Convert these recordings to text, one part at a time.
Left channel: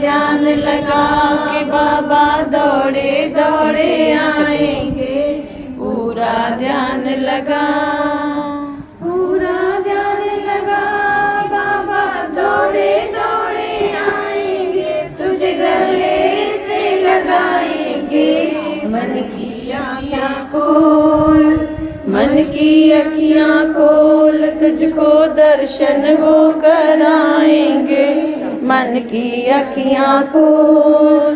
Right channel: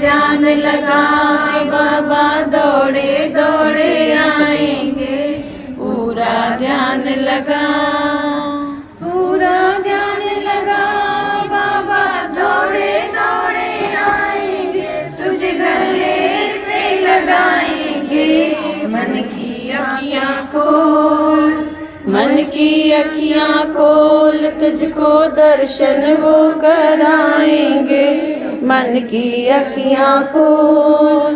ध्यान लगा के बाबा दौड़े दौड़े आएंगे। पूरा ध्यान लगा, पूरा ध्यान लगा, बाबा दौड़े दौड़े आएंगे। तुझे गले से लगाएंगे। मन की आँखियाँ खोल, मन की अखियाँ खोल, तुझको दर्शन वो कराएंगे। मन की अखियाँ खोल,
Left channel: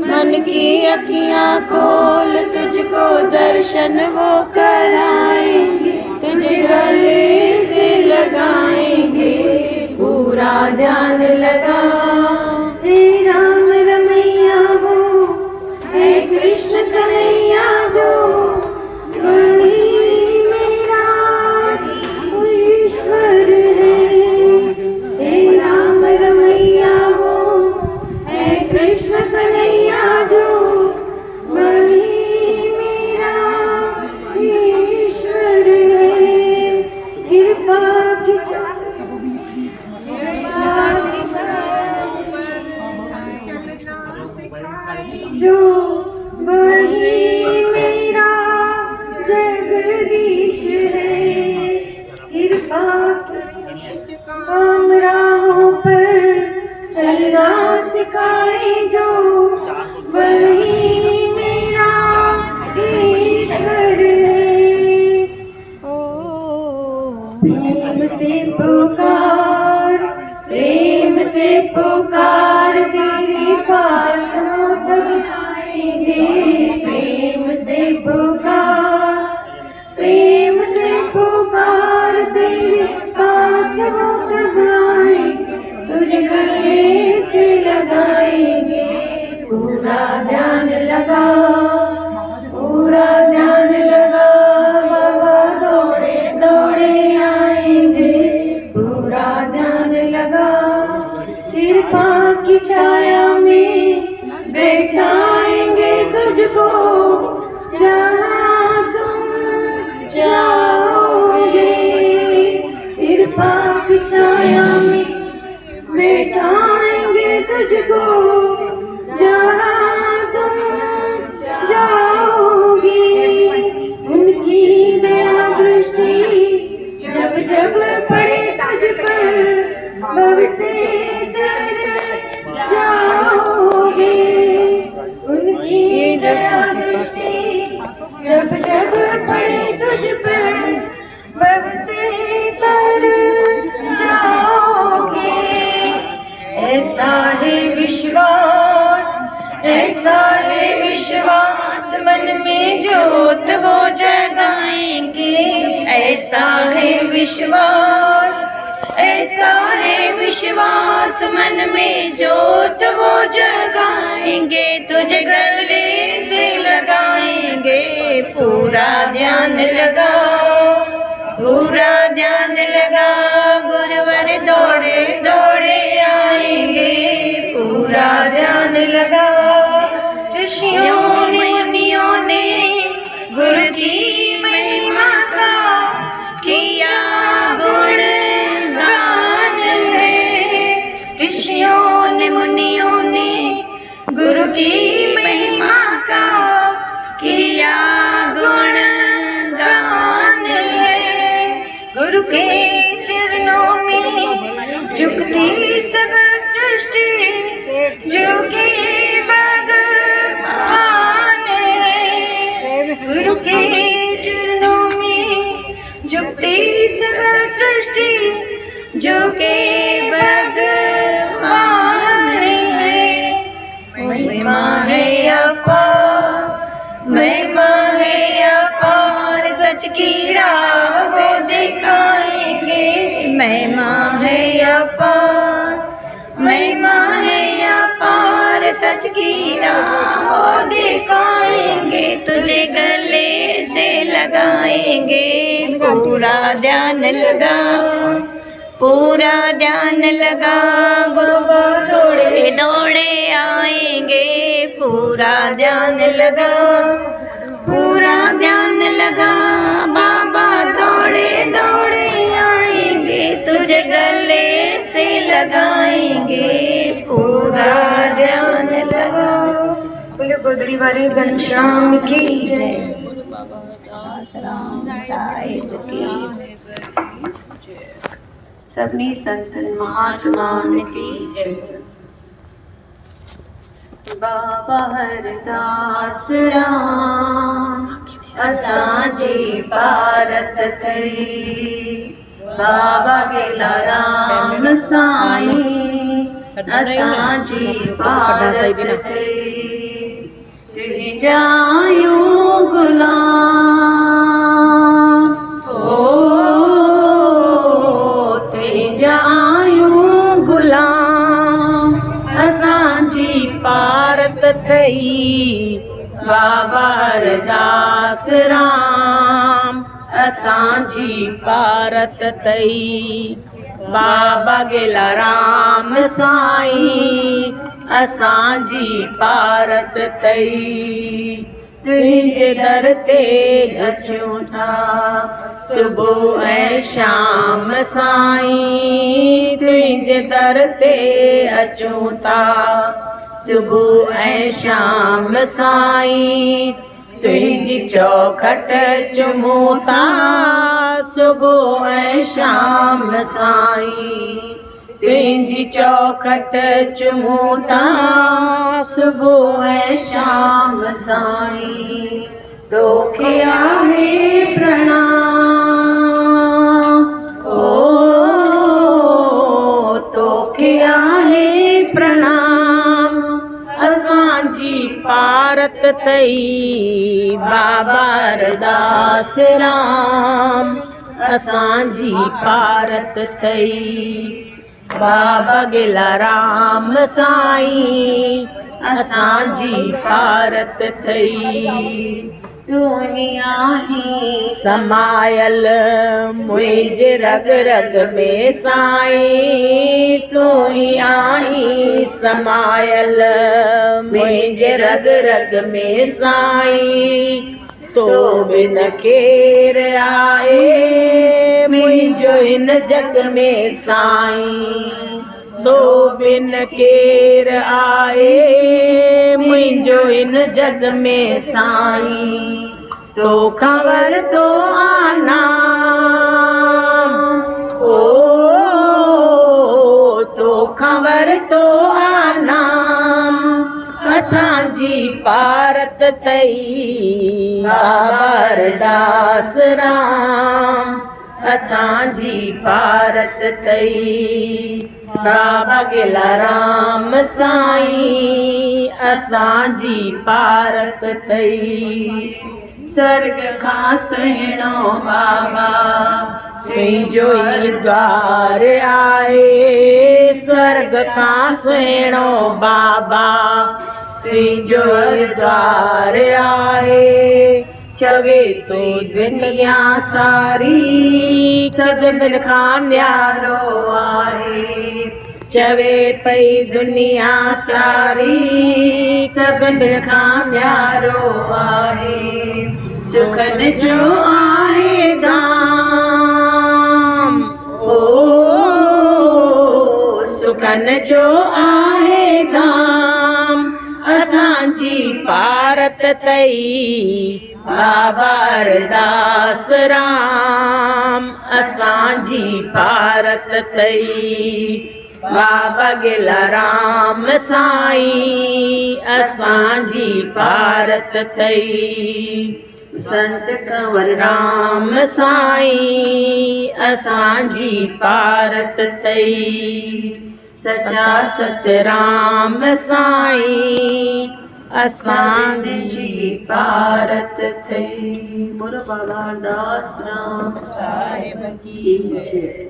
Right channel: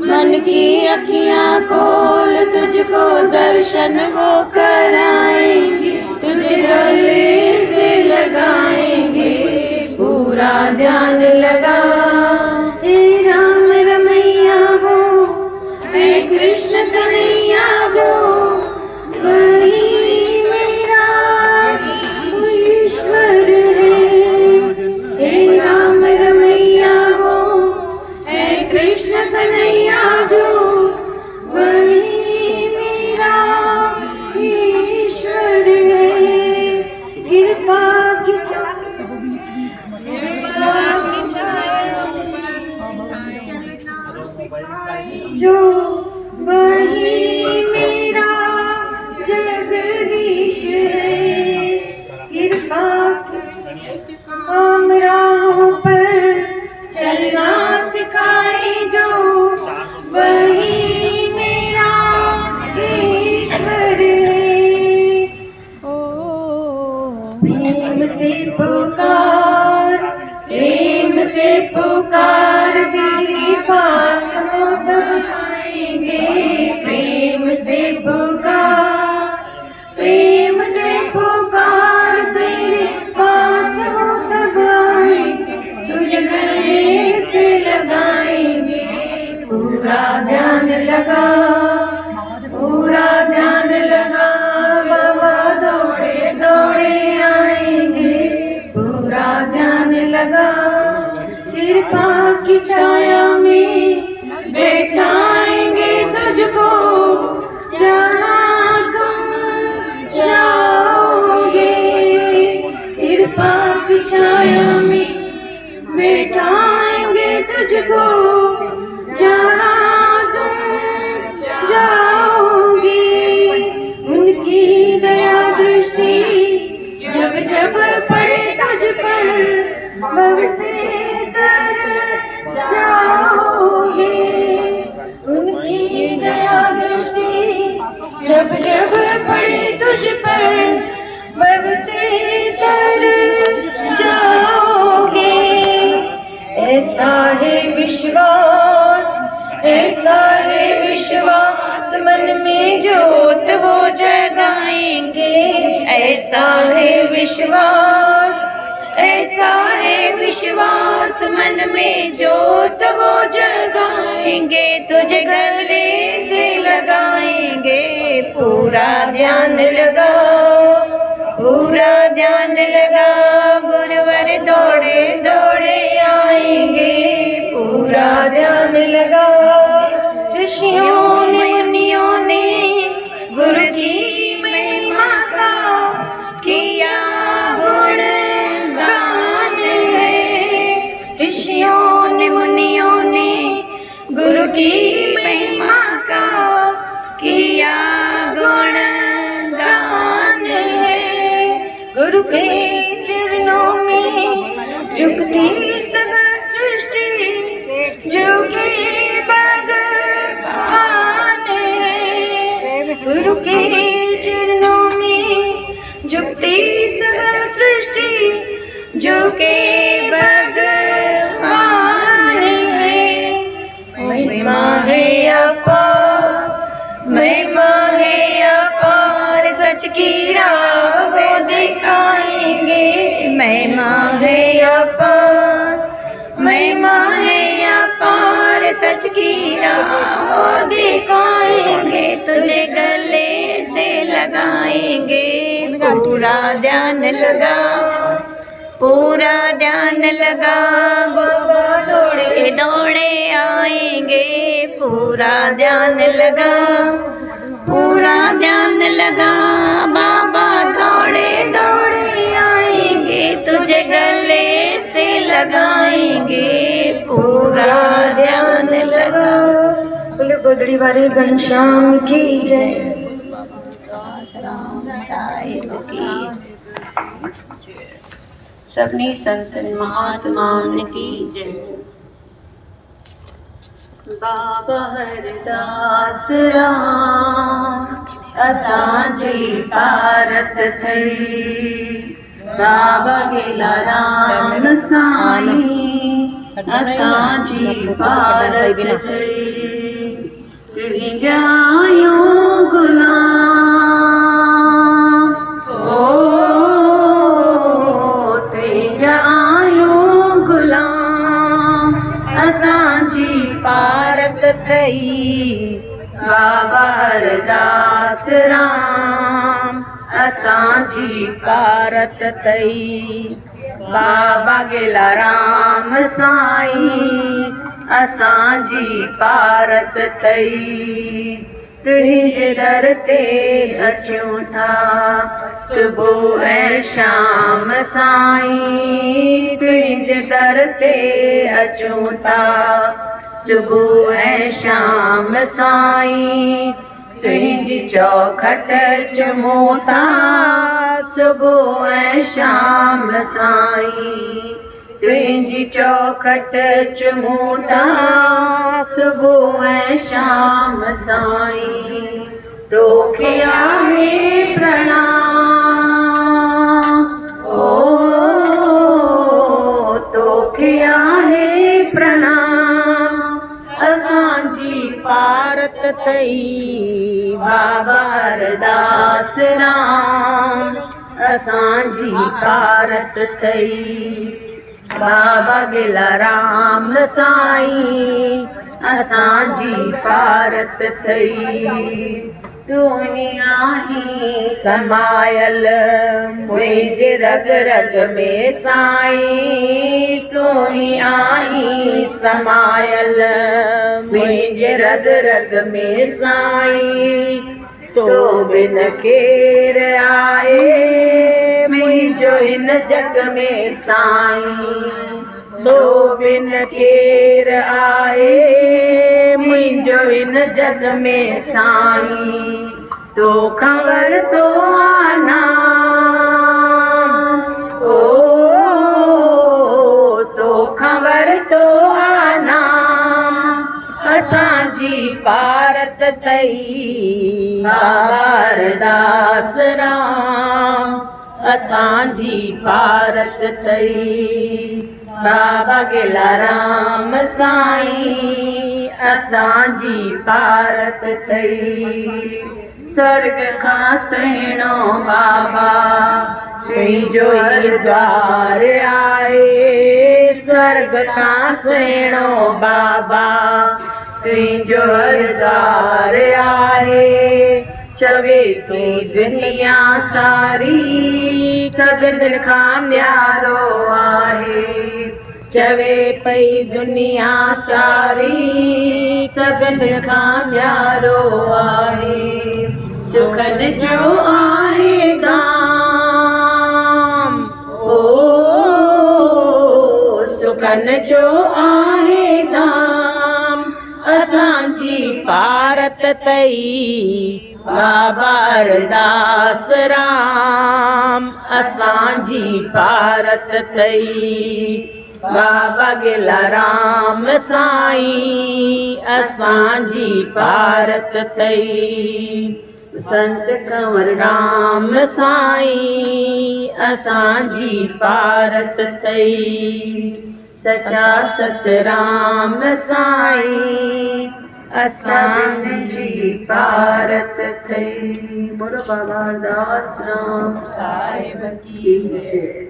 मन की अखियाँ खोल, तुझको दर्शन वो कराएंगे। तुझे गले से लगाएंगे। पूरा ध्यान लगा। हे राम रमैया वो, हे कृष्ण कन्हैया जो, वही मेरा ईश्वर है। हे राम रमैया वो, हे कृष्ण कन्हैया जो, वही मेरा ईश्वर है। कृपा की जो, वही मेरा जगदीश है। कृपा हम राहों पर चलना सिखाए जो, वही मेरा ईश्वर है। प्रेम से पुकार, प्रेम से पुकार, तेरे पास हम आएंगे। प्रेम से पुकार, प्रेम से पुकार, तेरे पास वो तब आएंगे। तुझे गले से लगाएंगे। पूरा ध्यान लगा, पूरा ध्यान लगा, बाबा दौड़े दौड़े आएंगे। पूरा ध्यान लगा। कृपा की छाया में बैठाएंगे तुझको, जहाँ तुम जाओगे। कृपा की छाया में बैठाएंगे तुझको, जहाँ तुम जाओगे। उनकी दया दृष्टि जब जब पड़े तुझ पर, भव से तर जाओगे। उनकी दया दृष्टि जब जब पड़े तुझ पर, भव से तर जाओगे। ऐसा है विश्वास, ऐसा है विश्वास, मन में ज्योत वो जगाएंगे। ऐसा है विश्वास, ऐसा है विश्वास, मन में ज्योत वो जगाएंगे। तुझे गले से लगाएंगे। पूरा ध्यान लगा, पूरा ध्यान लगा, गुरुवर दौड़े दौड़े आएंगे। पूरा ध्यान लगा। ऋषियों मुनियों ने गुरु की महिमा का किया गुणगान है। ऋषियों ने मुनियों ने गुरु की महिमा का किया गुणगान है। गुरु के चरणों में झुकती सब सृष्टि, जो कि भगवान है। गुरु के चरणों में झुकती सब सृष्टि, जो कि भगवान है। महिमा है अपार, महिमा है अपार, सच की राह दिखाएंगे। महिमा है अपार, महिमा है अपार, सच की राह दिखाएंगे। तुझे गले से लगाएंगे। पूरा ध्यान लगा, पूरा ध्यान लगा, गुरु दौड़े दौड़े आएंगे। पूरा ध्यान लगा, पूरा ध्यान लगा, बाबा दौड़े दौड़े आएंगे। तुझे गले से लगाएंगे। पूरा पगड़ी वाले घनश्याम की जय। राम साहिब की सभी संतन महात्माओं की जय। बाबा हरदास राम असांजी पारत थई। बाबा गेला राम साईं असांजी पारत थई। तुंहिंजायो गुलाम ओ तुंहिंजायो गुलाम असांजी पारत थई। बाबा हरदास राम असांजी पारत थई। बाबा गेला राम साईं असांजी पारत थई। तुंहिंजे दर ते अचूं था सुबुह ऐं शाम साईं। तुंहिंजे दर ते अचूं था सुबुह ऐं शाम साईं। तुंहिंजी चौखट चुमूं था सुबुह ऐं शाम साईं। तुंहिंजी चौखट चुमूं था सुबुह ऐं शाम साईं। तोखे आहे प्रणाम ओ तोखे आहे प्रणाम असांजी पारत थई। बाबा हरदास राम असांजी पारत थई। बाबा गेला राम साईं असांजी पारत थई। तूं ही आहीं समायल मुंहिंजे रग रग में साईं। तूं ही आहीं समायल मुंहिंजे रग रग में साईं। तो बिन केर आहे मुंहिंजो हिन जग में साईं। तो बिन केर आहे मुंहिंजो हिन जग में साईं। तो खबर तो आना ओ तो खबर तो आना असांजी पारत थई। बाबा हरदास राम असांजी पारत थई। बाबा गेला राम साईं असांजी पारत थई। स्वर्ग खां सुहिणो बाबा तुंहिंजो ई द्वार आहे। स्वर्ग खां सुहिणो बाबा तुंहिंजो द्वार आहे। चवे तो दुनिया सारी सजन खां न्यारो आहे। चवे पई दुनिया सारी सजन खां न्यारो आहे। सुखन जो आहे दाम ओ सुखन जो आहे दाम असांजी पारत थई। बाबा हरदास राम असांजी पारत थई। बाबा गेला राम साईं असांजी पारत थई। संत कंवर राम साईं असांजी पारत थई। सचा सतराम साईं असांजी पारत थई। बोलो बाबा हरदास राम साहिब की जय।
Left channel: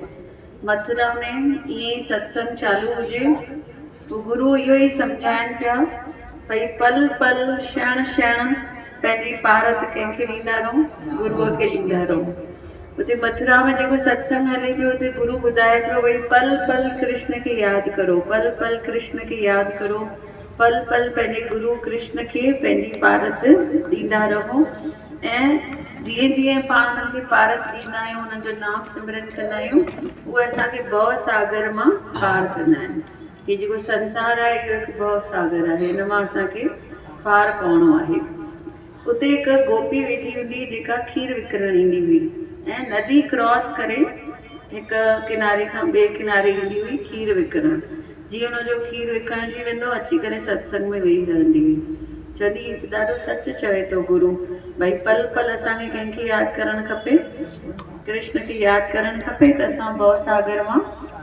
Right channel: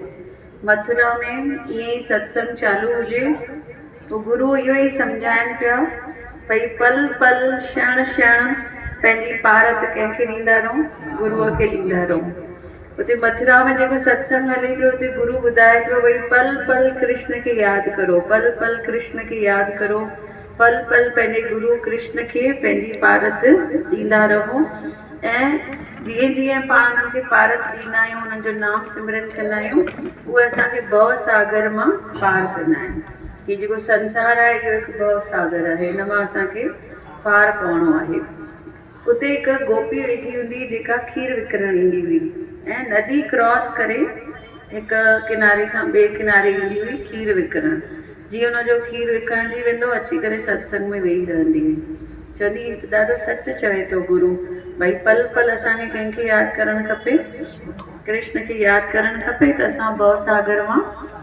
मथुरा में ये सत्संग चालू हुजे तो गुरु इहो ई सम्झाइनि पिया भई पल पल क्षण क्षण पंहिंजी पारत कंहिंखे ॾींदा रहो गुरूअ खे ॾींदा रहो। उते मथुरा में जेको सत्संग हले पियो उते गुरु ॿुधाए पियो भई पल पल कृष्ण खे यादि करो। पल पल कृष्ण खे यादि करो। पल पल पंहिंजे गुरु कृष्ण खे पंहिंजी पारत ॾींदा रहो। ऐं जीअं जीअं पाण उन्हनि खे पारत ॾींदा आहियूं उन्हनि जो नाम सिमरन कंदा आहियूं उहे असांखे भव सागर मां पार कंदा आहिनि। कि जेको संसार आहे इहो हिकु भव सागर आहे। हिन मां असांखे पार पहुणो आहे। उते हिकु गोपी वेठी हूंदी जेका खीर विकिरण ईंदी हुई ऐं नदी क्रॉस करे हिकु किनारे खां ॿिए किनारे ईंदी हुई खीर विकिरण। जीअं हुनजो खीर विकिणजी वेंदो अची करे सत्संग में वेही रहंदी हुई। चवंदी ॾाढो सच चवे थो गुरू, भई पल पल असांखे कंहिंखे यादि करणु खपे, कृष्ण खे यादि करणु खपे त असां भव सागर मां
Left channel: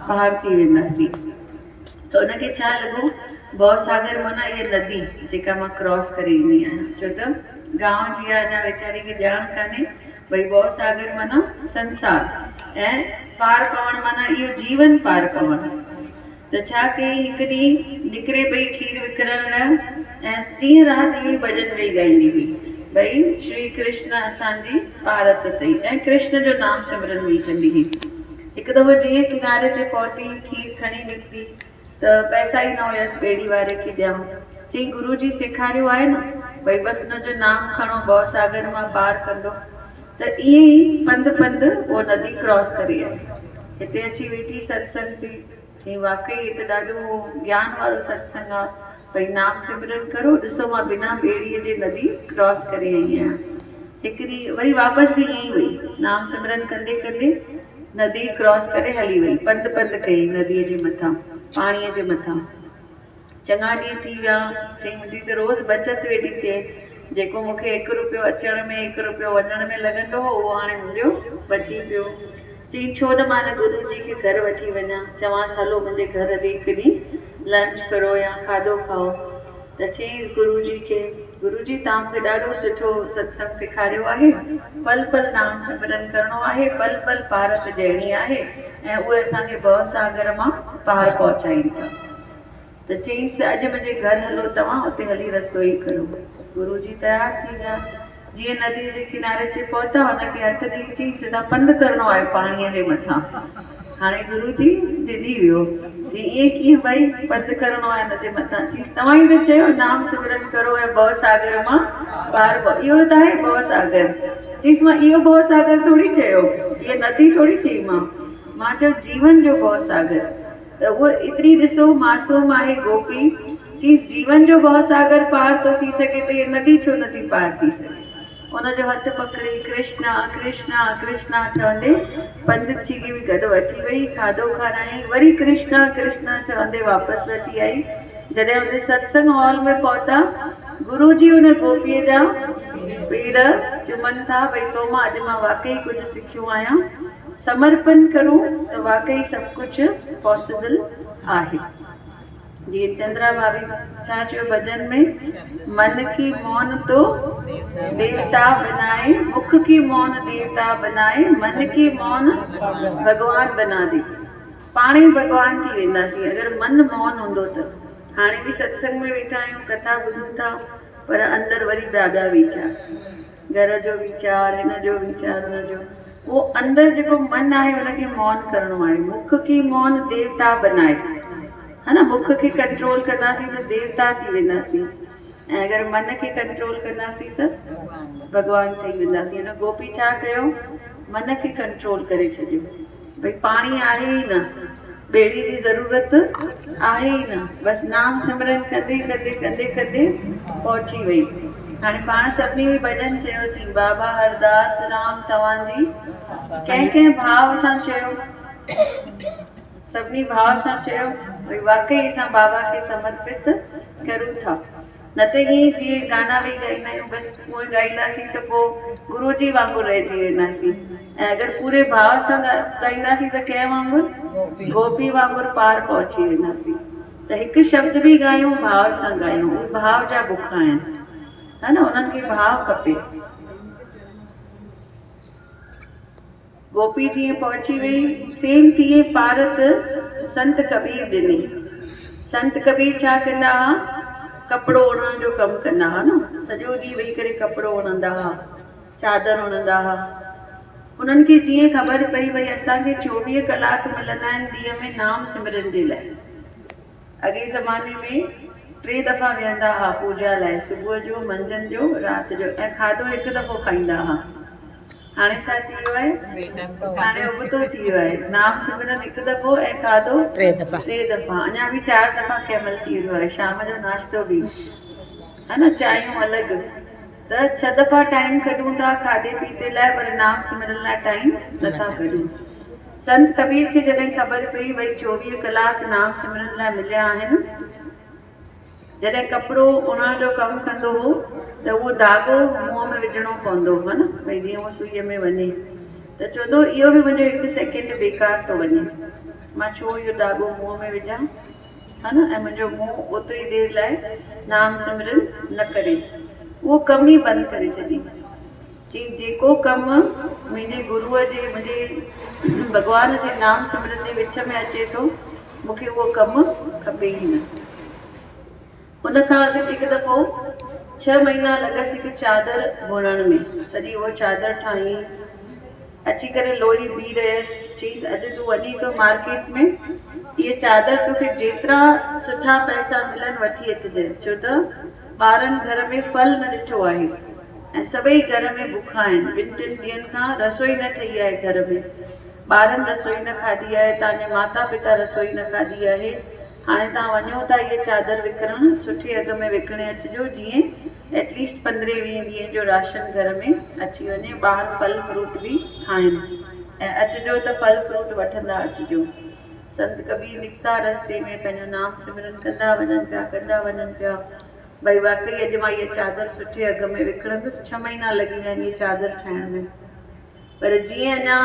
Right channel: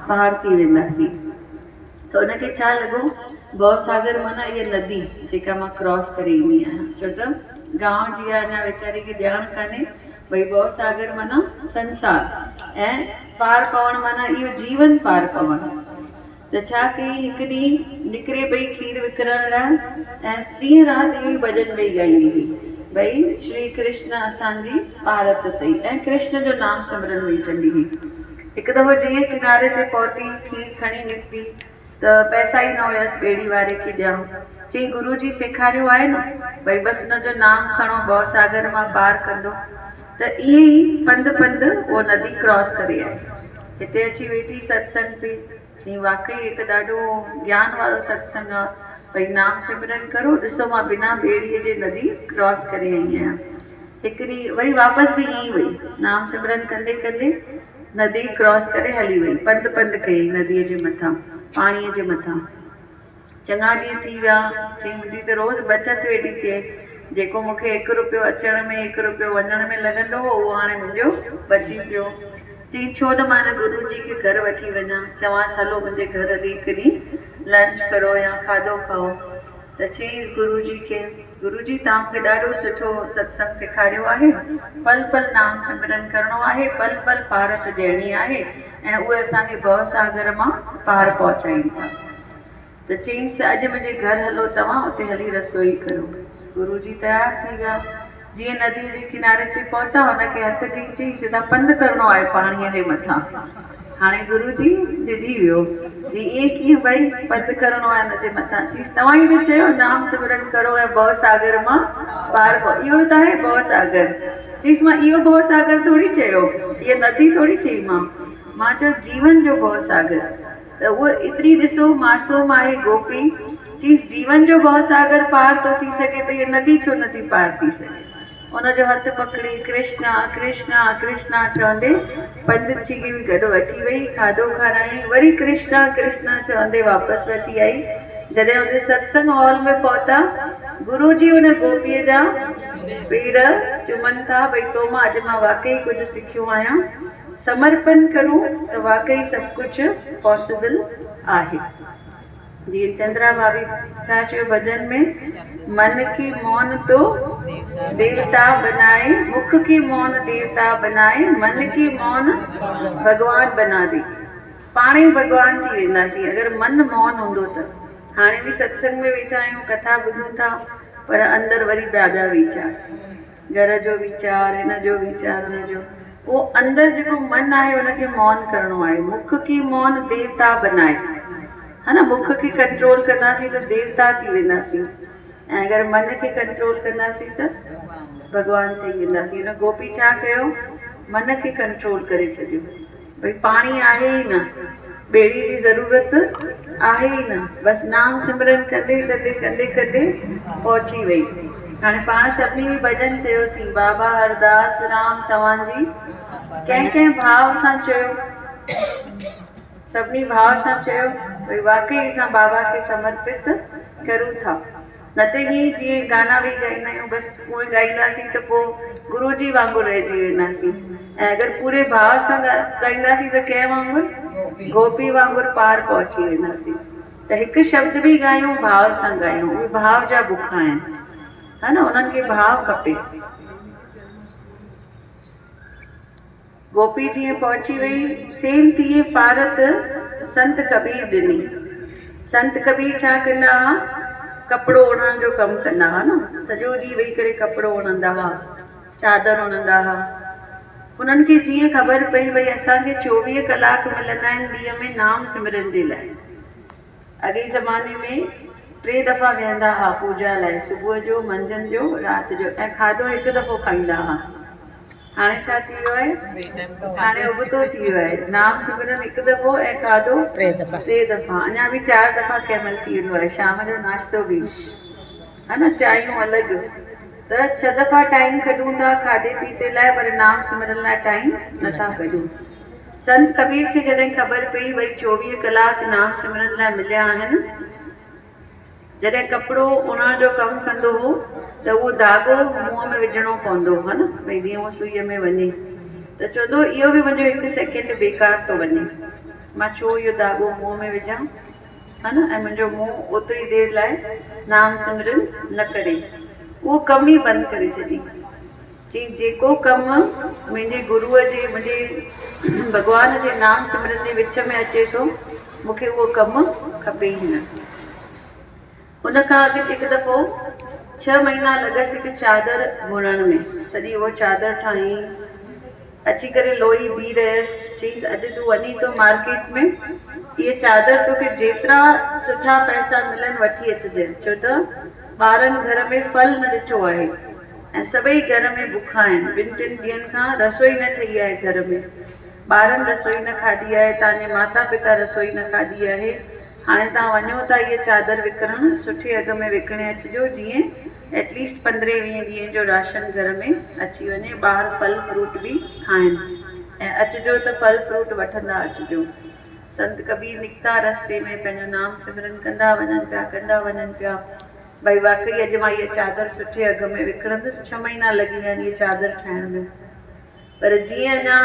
पार थी वेंदासीं। त हुनखे छा लॻो, भव सागर माना इहा नदी जेका मां क्रॉस करे ईंदी आहियां। छो त गांव जी आहे, अञा वीचारी खे ॼाण कान्हे भई भव सागर माना संसार ऐं पार पवण माना इहो जीवन पार पवण। त छा कई, हिकु ॾींहुं निकिरे पई खीर विकिरण लाइ ऐं ॾींहुं राति इहो ई भॼन ॾेई ॻाईंदी हुई, भई श्री कृष्ण असांजी भारत अथई ऐं कृष्ण जो नाम सिमरन बि कंदी हुई। हिकु दफ़ो जीअं किनारे ते पहुती, खीर खणी निकिती त पैसा ई न हुयसि ॿेड़ी वारे खे ॾियणु। चई गुरू जी सेखारियो आहे न, भई बसि हुनजो नाम खणो भव सागर मां पार कंदो। त ईअं ई पंधु पंधु उहो नदी क्रॉस करे आई, हिते अची वेठी सत्संग ते। चई वाकई हे त ॾाढो ज्ञान वारो सत्संग आहे, भई नाम सिमरन करो, ॾिसो मां बिना ॿेड़ीअ जे नदी क्रॉस करे आई आहियां। हिकु ॾींहुं वरी वापसि बि ईअं ई वई, नाम सिमरन कंदे कंदे नदी क्रॉस करे हली वई, पंधु पंधु कई नदीअ जे मथां, पाणीअ जे मथां। चङा ॾींहं थी विया। चई मुंहिंजी त रोज़ु बचति वेठी थिए, जेको मूंखे 1 रुपयो अचण में 1 रुपयो वञण में लॻंदो हो उहो हाणे मुंहिंजो बची पियो। चई छो न मां न गुरू जी खे घर वठी वञा, चवांसि हलो मुंहिंजे घर ॾे हिकु ॾींहुं लंच करो या खाधो खाओ। त चईंसि गुरू जी खे, गुरू जी तव्हां मूंखे ॾाढो सुठो सत्संग सेखारियो आहे, पल पल नाम सिमरन करिणो आहे, पल पल पारत ॾियणी आहे ऐं उहे असांखे भव सागर मां पार पहुचाइनि था। त चईंसि अॼु मुंहिंजे घर हलो तव्हां, उते हली रसोई करो। गुरू जी तयारु थी विया। जीअं नदी जे किनारे ते पहुता, हुनखे हथ ॾेई चई सिधा पंधु करिणो आहे पाणीअ जे मथां। हाणे गुरू जी डिॼी वियो, चई ईअं कीअं भई पंधु करिणो आहे हिन जे मथां? चईसि तव्हां ई त चयो नाम सिमरन करो ऐं भव सागर मां पार पओ, इहो त आहे भव सागर। चईसि मां इहो भव सागर थोरी चयो, इहा नदी थोरी चई, मां चयो जीवन जो भव सागर। त उहो एतिरी ॾिसो मासूम आहे गोपी, चईसि जीवन जो भव सागर पार थो थी सघे त इहा नदी छो नथी पार थी सघे? हुनजो हथु पकड़ी कृष्णा कृष्णा कृष्णा चवंदे पंधु थी बि गॾु वठी वई, खाधो खाराई, वरी कृष्णा कृष्णा चवंदे वापसि वठी आई। जॾहिं हुन सत्संग हॉल में पहुता, गुरू जी हुन गोपीअ जा पेर चुमनि था, भई तो मां अॼु मां वाकई कुझु सिखियो आहियां, समर्पण करूं त वाकई सभु कुझु पॉसिबल आहे। जीअं चंद्रा भाभी छा चयो भॼन में, मन की मौन तो देवता बनाए, मुख की मौन देवता बनाए, मन की मौन भगवान बना दे। पाण ई भगवान थी वेंदासीं अगरि मन मौन हूंदो त। हाणे बि सत्संग में वेठा आहियूं, कथा ॿुधूं था, पर अंदरि वरी ॿिया वीचार, घर जो वीचार, हिन जो वीचार, हुन जो, उहो अंदरि जेको मन आहे हुनखे मौन करिणो आहे। मुख की मौन देवता बनाए, है न, मुख खे कंट्रोल कंदासीं त देवता थी वेंदासीं, ऐं अगरि मन खे कंट्रोल कंदासीं त भॻवान ठही वेंदासीं। हुन गोपी छा कयो, मन खे कंट्रोल करे छॾियो, भई पाणी आहे ई न, ॿेड़ी जी ज़रूरत आहे ई न, बसि नाम सिमरन कंदे कंदे कंदे कंदे पहुची वई। हाणे पाण सभिनी बि भॼन चयोसीं, बाबा हरदास राम तव्हांजी कंहिं भाव सां चयो, सभिनी भाव सां चयो, भई वाकई असां बाबा खे समर्पित करूं था। न त ईअं जीअं गाना बि ॻाईंदा आहियूं, बसि उहे ॻाईंदासीं त पोइ गुरू जी वांगुरु रहिजी वेंदासीं, ऐं अगरि पूरे भाव सां ॻाईंदासीं त कंहिं वांगुरु, गोपी वांगुरु पार पहुची वेंदासीं। त हिकु शब्द बि ॻायूं भाव सां ॻायूं, उहे भाव जा बुखा आहिनि, है न, उन्हनि खे भाव खपे। गोपी जीअं पहुची वई, सेम तीअं पारत संत कबीर ॾिनी। संत कबीर छा कंदा हुआ, कपिड़ो उणण जो कमु कंदा हुआ न, सॼो ॾींहुं वेही करे कपिड़ो उणंदा हुआ, चादर उणंदा हुआ। उन्हनि खे जीअं ख़बर पई भई असांखे 24 कलाक मिलंदा आहिनि ॾींहं में नाम सिमरन जे लाइ। अॻे ज़माने में 3 दफ़ा वेहंदा हुआ पूजा लाइ, सुबुह जो, मंझंदि जो, राति जो, ऐं खाधो हिकु दफ़ो खाईंदा हुआ। हाणे छा थी वियो आहे, हाणे उबतो थी वियो आहे, नाम सिमरन हिकु दफ़ो ऐं खाधो 3 दफ़ा, अञा बि 4 दफ़ा कंहिं महिल थी वेंदो आहे, शाम जो नाश्तो बि। है न, चाहियूं अलॻि। त 6 दफ़ा टाइम कढूं था खाधे पीते लाइ, पर नाम सिमरन लाइ टाइम नथा कढूं। संत कबीर खे जॾहिं ख़बर पई भई 24 कलाक नाम सिमरन लाइ मिलिया आहिनि, जॾहिं कपिड़ो उणण जो कमु कंदो हो त उहो धाॻो मुंहं में विझणो पवंदो हो न, भई जीअं उहो सुईअ में वञे। त चवंदो इहो बि मुंहिंजो 1 सेकेंड बेकार थो वञे, मां छो इहो धाॻो मुंहं में विझां, है न, ऐं मुंहिंजो मुंहुं ओतिरी देरि लाइ नाम सिमरन न करे। उहो कम ई बंदि करे छॾी। चई जेको कमु मुंहिंजे गुरूअ जे, मुंहिंजे भॻवान जे नाम सिमरन जे विच में अचे थो, मूंखे उहो कमु खपे ई न। उन खां अॻु हिकु दफ़ो 6 महीना लॻसि हिकु चादर बुणण में। सॼी उहा चादर ठाही, अची करे लोई बी रहियसि। चईसि अॼु तूं वञी तो मार्केट में, इहे चादर तोखे जेतिरा सुठा पैसा मिलनि वठी अचिजे, छो त ॿारनि घर में फल न ॾिठो आहे ऐं सभई घर में बुखा आहिनि। 2-3 ॾींहंनि खां रसोई न ठही आहे घर में, ॿारनि रसोई न खाधी आहे, तव्हांजे माता पिता रसोई न खाधी आहे। हाणे तव्हां वञो था इहे चादर विकिणण, सुठे अघ में विकिणे अचिजो, जीअं एटलीस्ट 15-20 ॾींहं जो राशन घर में अची वञे, ॿार फल फ्रूट बि खाइनि, ऐं अचिजो त फल फ्रूट वठंदा अचिजो। संत कबीर निकिता रस्ते में, पंहिंजो नाम सिमरन कंदा वञनि पिया। भई वाकई अॼु मां इहा चादर सुठे अघ में विकिणंदुसि। 6 महीना लॻी विया इहा चादर ठाहिण में। पर जीअं अञा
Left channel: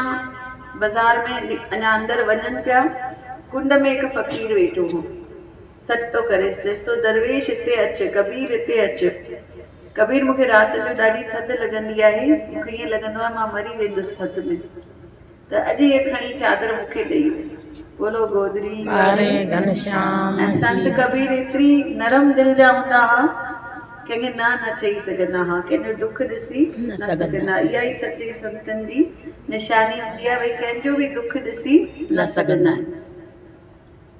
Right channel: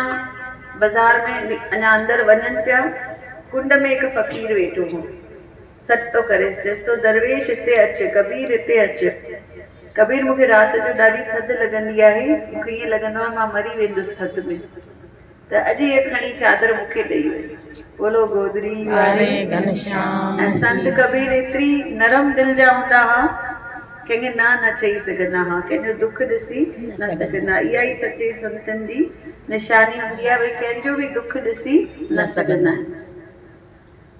बाज़ार में अञा अंदरि वञनि पिया, कुंड में हिकु फ़क़ीर वेठो हो, सॾु थो करेसि, चएसि थो दरवेश हिते अचु, कबीर हिते अचु। कबीर मूंखे राति जो ॾाढी थधि लॻंदी आहे, मूंखे ईअं लॻंदो आहे मां मरी वेंदुसि थधि में, त अॼु इहे खणी चादर मूंखे ॾेई वञे। बोलो गोदरी वारे घनश्याम। ऐं संत कबीर एतिरी नरम दिलि जा हूंदा हुआ, कंहिंखे न चई सघंदा हुआ, कंहिंजो दुख ॾिसी न सघंदा। इहा ई सचे संतनि जी निशानी हूंदी आहे, भई कंहिंजो बि दुख ॾिसी न सघंदा आहिनि।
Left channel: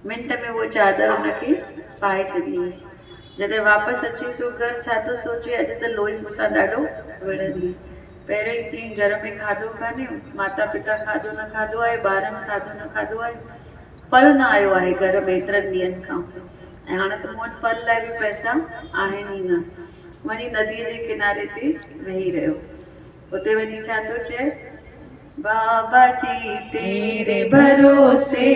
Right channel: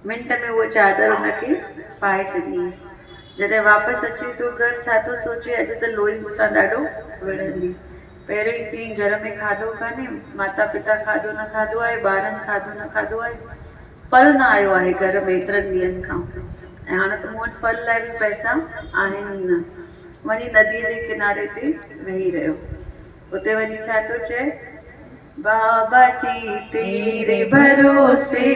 मिंट में उहो चादर हुनखे पाए छॾीसि। जॾहिं वापसि अचे थो घर, छा थो सोचे, अॼु त लोई मूंसां ॾाढो विढ़ंदी। पहिरें ई चई घर में खाधो कान्हे, माता पिता खाधो न खाधो आहे, ॿारनि खाधो न खाधो आहे, फल न आयो आहे घर में एतिरनि ॾींहंनि खां, ऐं हाणे त मूं वटि फल लाइ बि पैसा आहिनि ई न। वञी नदीअ जे किनारे ते वेही रहियो। उते वञी छा थो चए, बाबा जी तेरे भरोसे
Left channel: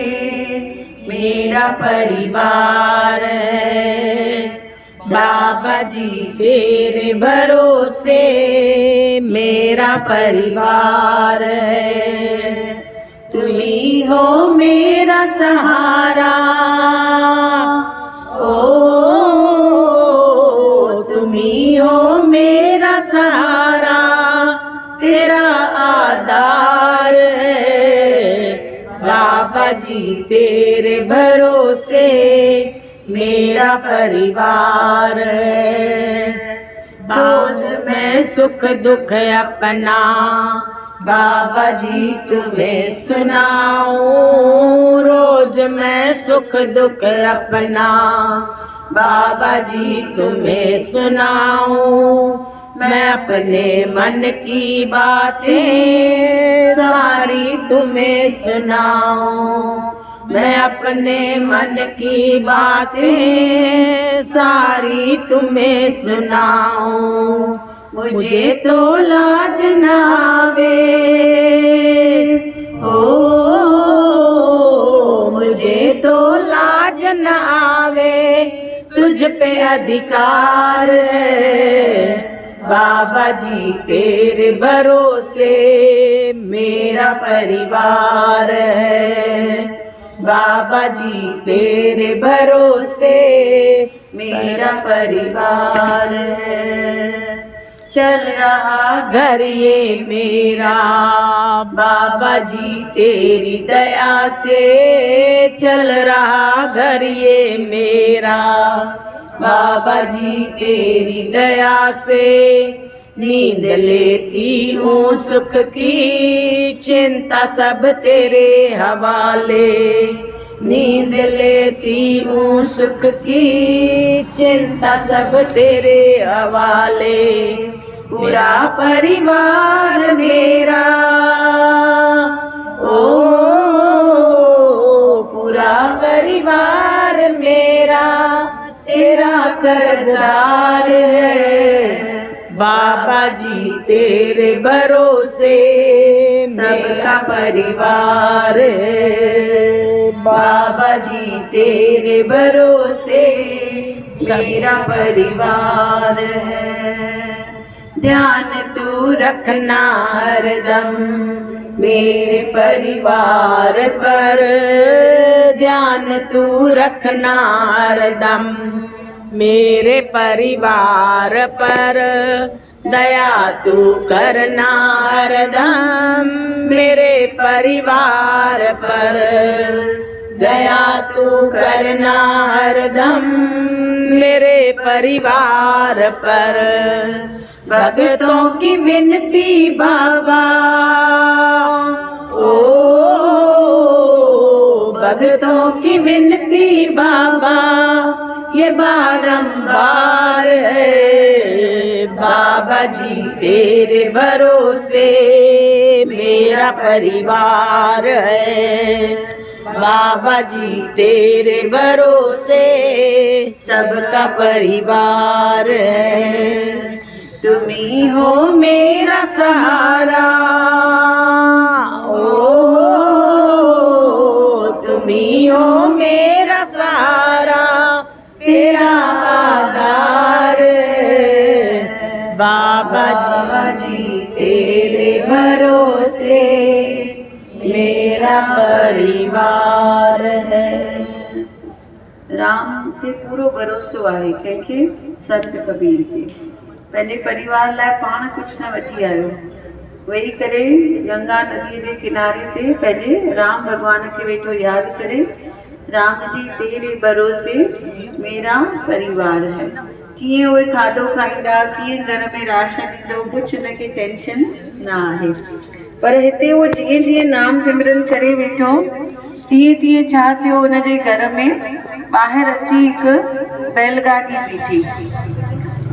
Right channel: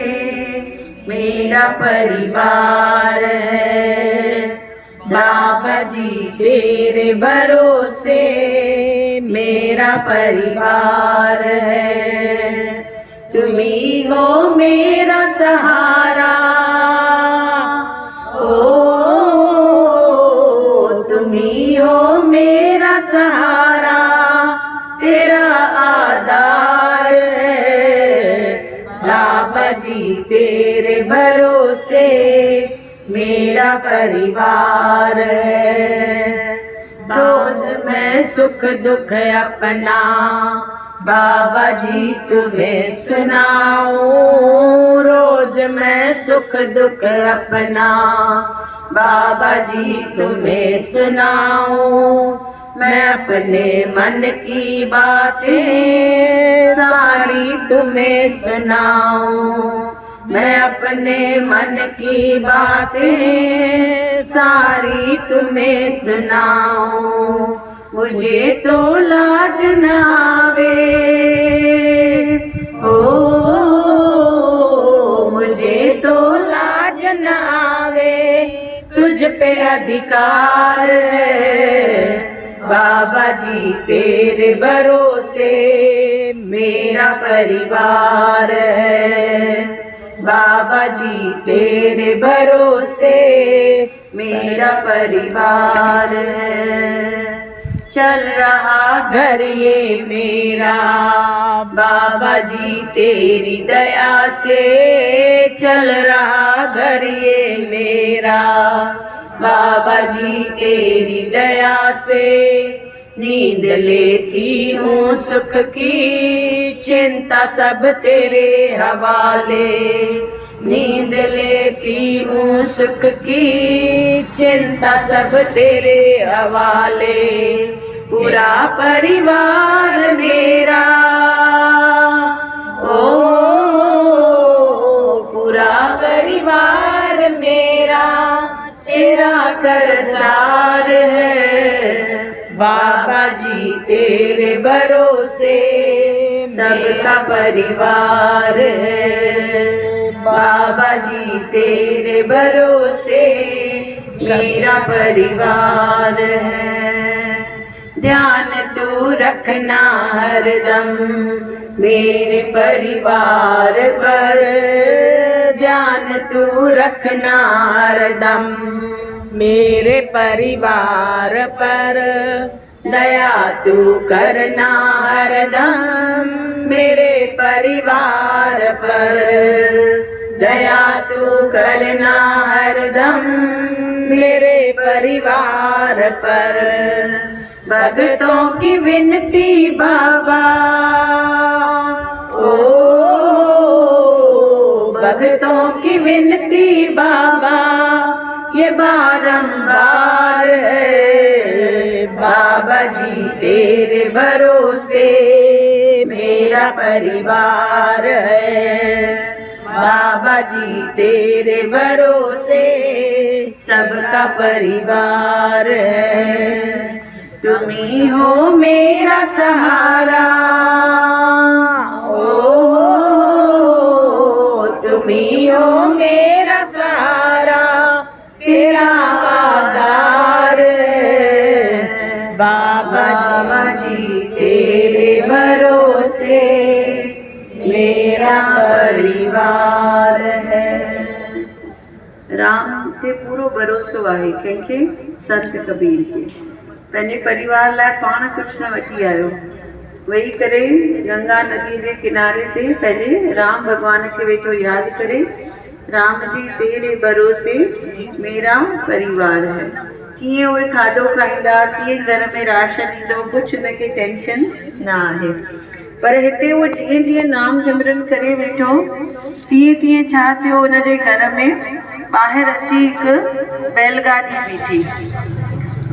मेरा परिवार है, बाबा जी तेरे भरोसे मेरा परिवार है, तुम ही हो मेरा सहारा, ओ तुम ही हो मेरा सहारा, तेरा आधार है। बाबा जी तेरे भरोसे मेरा परिवार है, रोज मैं सुख दुख अपना बाबा जी तुम्हें सुनाऊं, रोज मैं सुख दुख अपना बाबा जी तुम्हें सुनाऊं, मैं अपने मन की बातें सारी तुम्हें सुनाऊं, मैं अपने मन की बातें सारी तुम्हें सुनाऊं, मुझे तो लाज न आवे, ओ मुझे तो लाज न आवे, तुझ पे अधिकार है, बाबा जी तेरे भरोसे मेरा परिवार है, बाबा जी तेरे भरोसे मेरा परिवार है, चल रहा घर ये मेरा बाबा जी तेरी दया से, चल रहा घर ये मेरा बाबा जी तेरी दया से, नींद लेती हूँ सुख की चिंता सब तेरे हवाले, नींद लेती हूँ सुख की चिंता सब तेरे हवाले, पूरा परिवार मेरा, ओ पूरा परिवार मेरा तेरा कर्जदार है। बाबा जी तेरे भरोसे मेरा परिवार है। बाबा जी तेरे भरोसे मेरा परिवार है। ध्यान तू रखना हरदम मेरे परिवार पर। ध्यान तू रखना हरदम मेरे परिवार पर। दया तू करना हरदम मेरे परिवार पर। दया तू करना हरदम मेरे परिवार पर। भक्तों की विनती बाबा, ओ भक्तों की विनती बाबा ये बारंबार है। बाबा जी तेरे भरोसे मेरा परिवार है। बाबा जी तेरे भरोसे सबका परिवार है। तुम ही हो मेरा सहारा, ओ तुम ही हो मेरा सहारा, तेरा आधार है। बाबा जी तेरे भरोसे मेरा परिवार है। राम ते पूरो भरोसो आहे कंहिंखे, संत कबीर खे। पंहिंजे परिवार लाइ पाण कुझु न वठी आयो, वेही करे गंगा नदी जे किनारे ते पंहिंजे राम भॻवान खे वेठो यादि करे, राम जी तेरे भरोसे मेरा परिवार है। कीअं उहे खाधो खाईंदा, कीअं घर में राशन ईंदो, कुझु हुनखे टेंशन न आहे। पर हिते उहो जीअं जीअं नाम सिमरन करे वेठो, तीअं तीअं छा थियो, हुनजे घर में ॿाहिरि अची हिकु बैलगाॾी बीठी।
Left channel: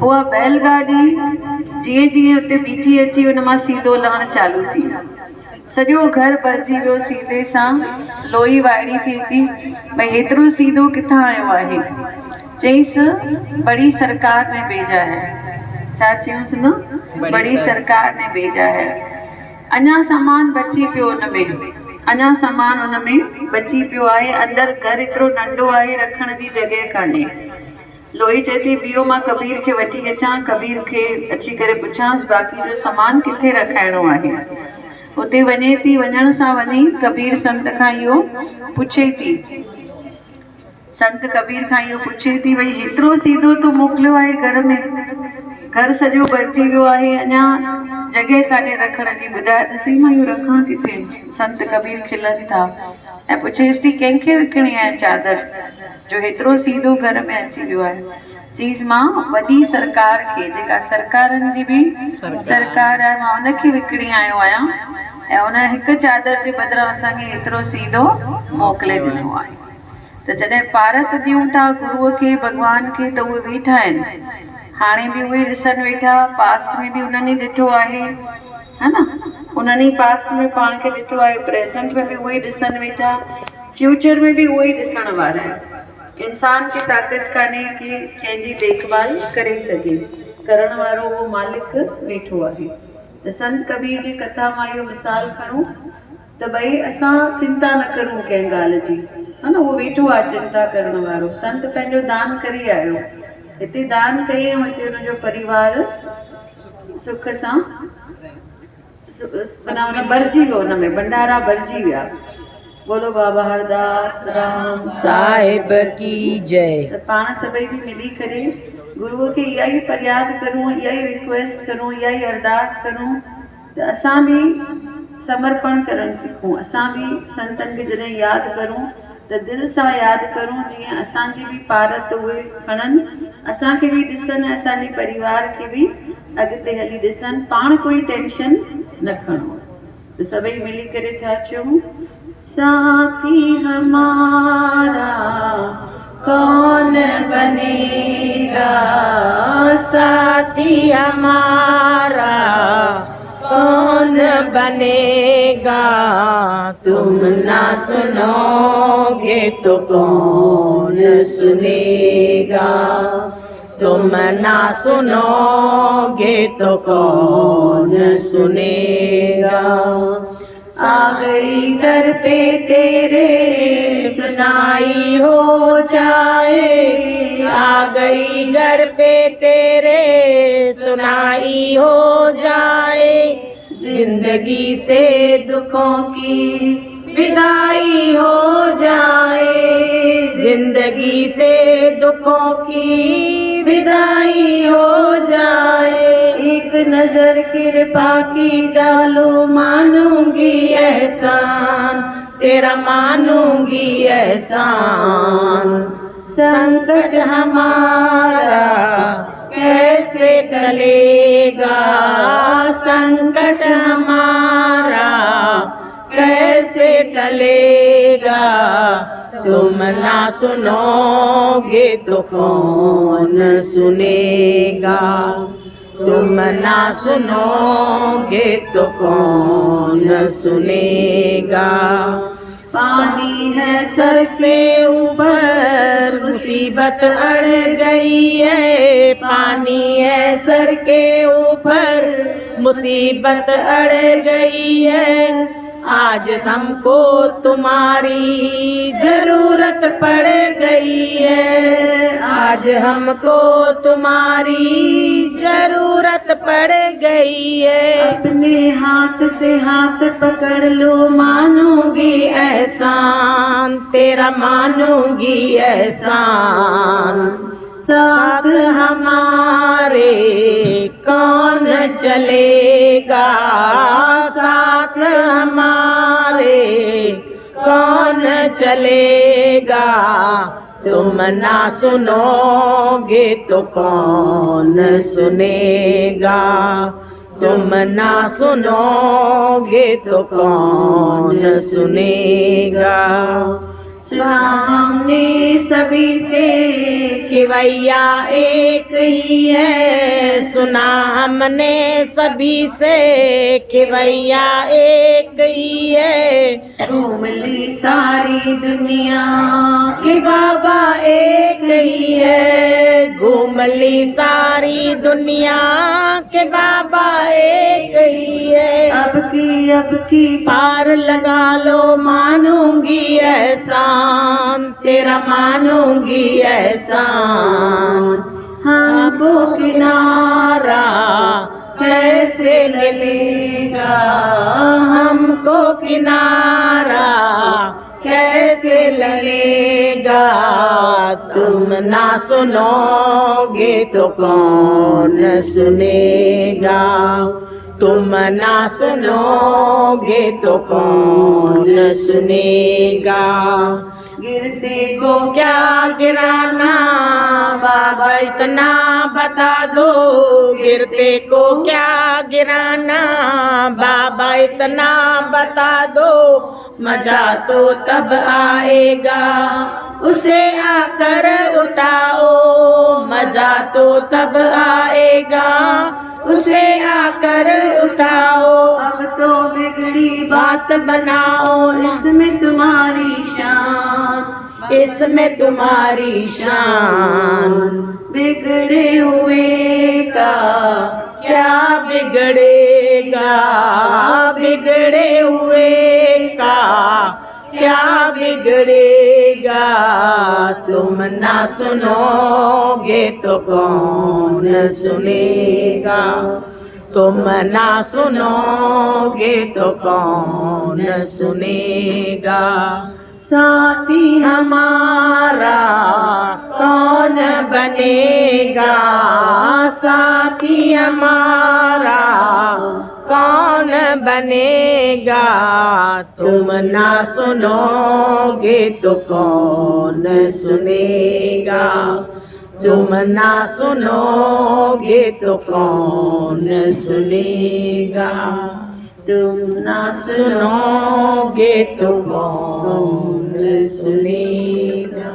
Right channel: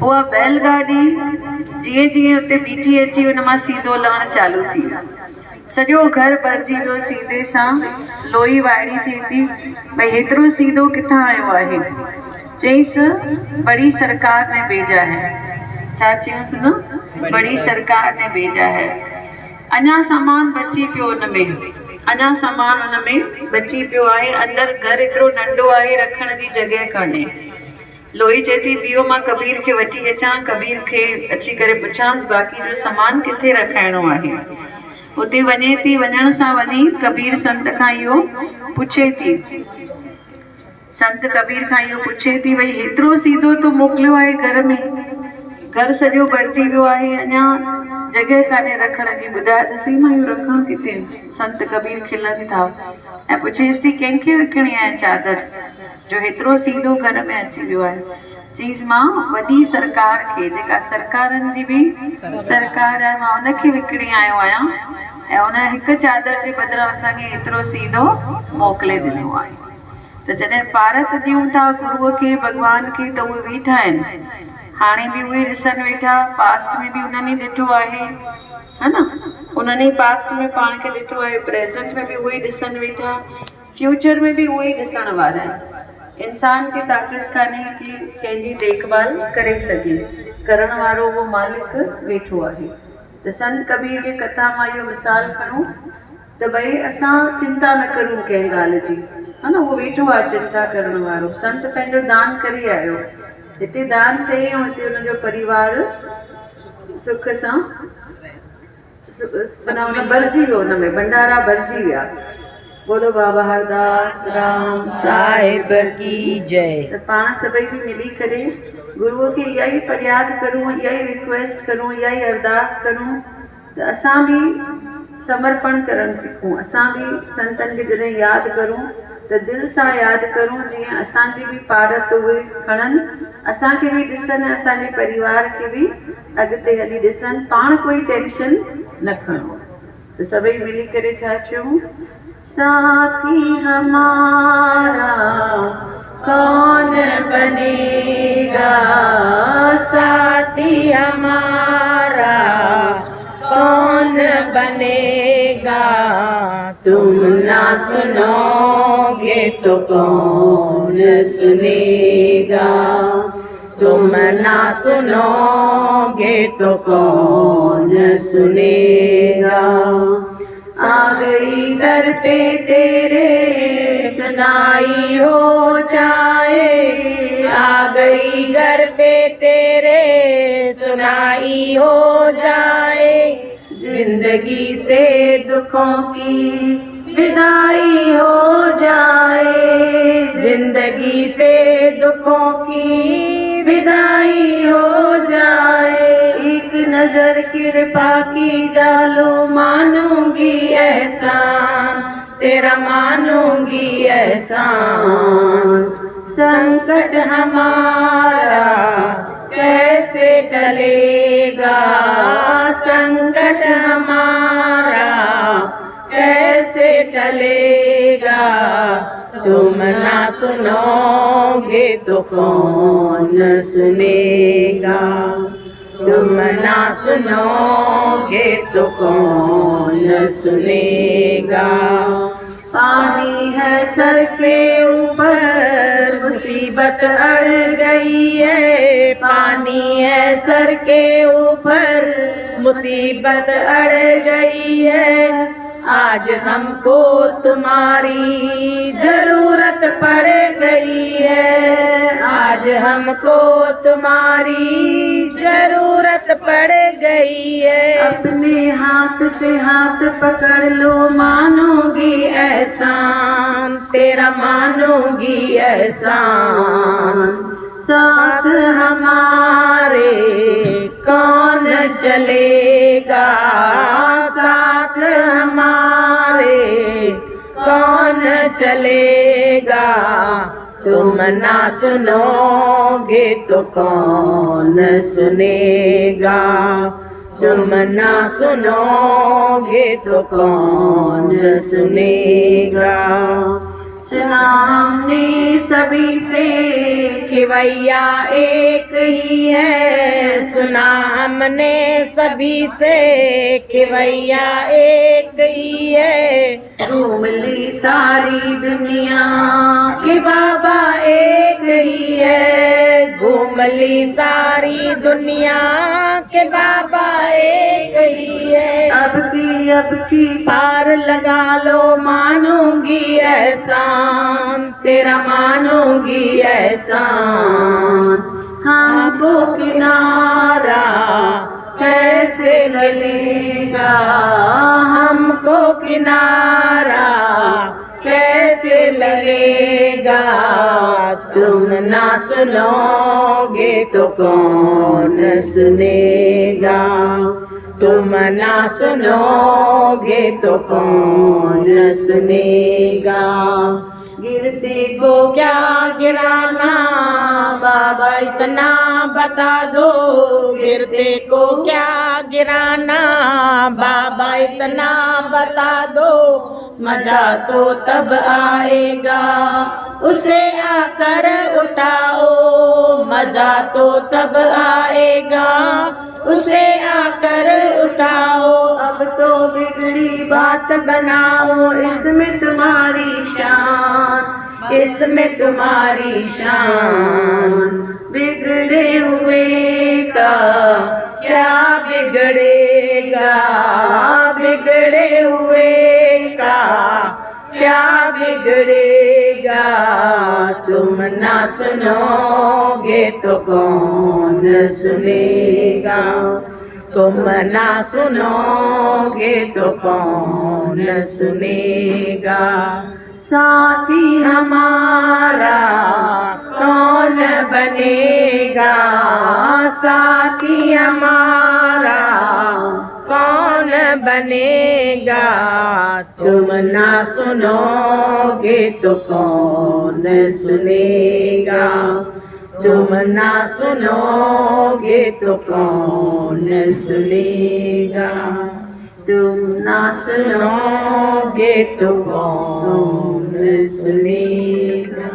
उहा बैलगाॾी जीअं जीअं हुते बीठी अची हुन मां सीधो लहणु चालू थी। सॼो घर भरिजी वियो सीधे सां। लोई वाइड़ी थिए थी भई हेतिरो सीधो किथां आयो आहे। चईसि बड़ी सरकार ने भेजा है। छा चयूंसि न, बड़ी सरकार ने भेजा है। अञा सामान बची पियो हुन में, अञा सामान हुन में बची पियो आहे। अंदरि घर एतिरो नंढो आहे, रखण जी जॻह कान्हे। लोई चए थी बीहो मां कबीर खे वठी अचां, कबीर खे अची करे पुछांसि बाक़ी जो सामान किथे रखाइणो आहे। उते वञे थी, वञण सां वञी कबीर संत खां इहो पुछे थी, संत कबीर खां इहो पुछे थी भई हेतिरो सीधो तूं मोकिलियो आहे घर में, घर सॼो भरिजी वियो आहे, अञा जॻह कान्हे रखण जी, ॿुधाए त सही मां इहो रखां किथे। संत कबीर खिलनि था ऐं पुछेसि थी कंहिंखे विकिणी आहे चादर जो हेतिरो सीधो घर में अची वियो आहे। चीज़ मां वॾी सरकार खे, जेका सरकारनि जी बि सरकार आहे, मां उनखे विकिणी आयो आहियां ऐं उन हिकु चादर जे बदिरां असांखे एतिरो सीधो मोकिले ॾिनो आहे। त जॾहिं पारत ॾियूं था गुरूअ खे, भॻवान खे, त उहे वेठा आहिनि। हाणे बि उहे ॾिसनि वेठा, पास्ट में बि उन्हनि ई ॾिठो आहे, है न, उन्हनि ई पास्ट में पाण खे ॾिठो आहे, प्रेज़ेंट में बि उहे ई ॾिसनि वेठा, फ्यूचर में बि उहे ई ॾिसण वारा आहिनि। इंसान खे ताक़त कान्हे कि कंहिंजी देखभाल करे सघे, करण वारो उहो मालिक वेठो आहे। त संत कबीर जी कथा मां इहो मिसाल खणूं त भई असां चिंता न करूं कंहिं ॻाल्हि जी, है न, उहो वेठो आहे चिंता करण वारो। संत पंहिंजो दान करे आयो, हिते दान कई ऐं हिते हुनजो परिवार सुख सां भरिजी वियो, हुन में भंडारा भरिजी विया। बोलो बाबा हरदास राम साहिब की जय। त पाण सभई बि मिली करे गुरूअ खे इहा ई फरियाद करूं, इहा ई रिक्वेस्ट करूं, इहा ई अरदास करूं त असां बि समर्पण करणु सिखूं। असां बि संतनि खे जॾहिं यादि करूं त दिलि सां यादि करूं, जीअं असांजी बि पारत उहे खणनि, असांखे बि ॾिसनि, असांजे परिवार खे बि अॻिते हली ॾिसनि, पाण कोई टेंशन न खणो। त सभई मिली करे छा चयूं, साथी हमारा कौन बनेगा, साथी हमारा कौन बनेगा, तुम ना सुनोगे तो कौन सुनेगा, तुम ना सुनोगे तो कौन सुनेगा। आ गई दर पे तेरे सुनाई हो जाए, आ गई घर पे तेरे सुनाई हो जाए, जिंदगी से दुखों की विदाई हो जाए, जिंदगी से दुखों की विदाई हो जाए। एक नजर कृपा की डालो मानूंगी एहसान, तेरा मानूंगी एहसान। संकट हमारा कैसे टलेगा, संकट हमारा कैसे टलेगा। तुम ना सुनोगे तो कौन सुनेगा, तुम ना सुनोगे तो कौन सुनेगा। पानी है सर से ऊपर मुसीबत अड़ गई है, पानी है सर के ऊपर मुसीबत अड़ गई है। आज हमको तुम्हारी जरूरत पड़ गई है, आज हमको तुम्हारी जरूरत पड़ गई है। अपने हाथ से हाथ पकड़ लो मानूंगी एहसान, तेरा मानूंगी एहसान। साथ हमारे कौन चलेगा, साथ हमारे कौन चलेगा। तुम ना सुनोगे तो कौन सुनेगा, तुम ना सुनोगे तो कौन सुनेगा। सामने सभी से खिवैया एक ही है, सुना हमने सभी से खिवैया एक ही है। घूम ली सारी दुनिया कि बाबा एक ही है, घूम ली सारी दुनिया के बाबा एक ही है। अब की पार लगा लो मानूंगी एहसान, तेरा मानूंगी एहसान। हमको किनारा कैसे मिलेगा, हमको किनारा कैसे लगेगा। तुम ना सुनोगे तो कौन सुनेगा, तुम ना सुनोगे तो कौन सुनेगा। गिरते को क्या गिराना बाबा इतना बता दो, गिरते को क्या गिराना बाबा इतना बता दो। मजा तो तब आएगा उसे आकर उठाओ, मजा तो तब आएगा उसे आकर उठाओ। अब तो बिगड़ी बात बनाओ, इसमें तुम्हारी शान, इसमें तुम्हारी शान। बिगड़े हुए का क्या बिगड़ेगा, बिगड़े हुए का क्या बिगड़ेगा। तुम ना सुनोगे तो कौन सुनेगा, तुम ना सुनोगे तो कौन सुनेगा। साथी हमारा कौन बनेगा, साथी हमारा कौन बनेगा। तुम ना सुनोगे तो कौन सुनेगा, तुम ना सुनोगे तो कौन सुनेगा। तुम ना सुनोगे तो कौन सुनेगा।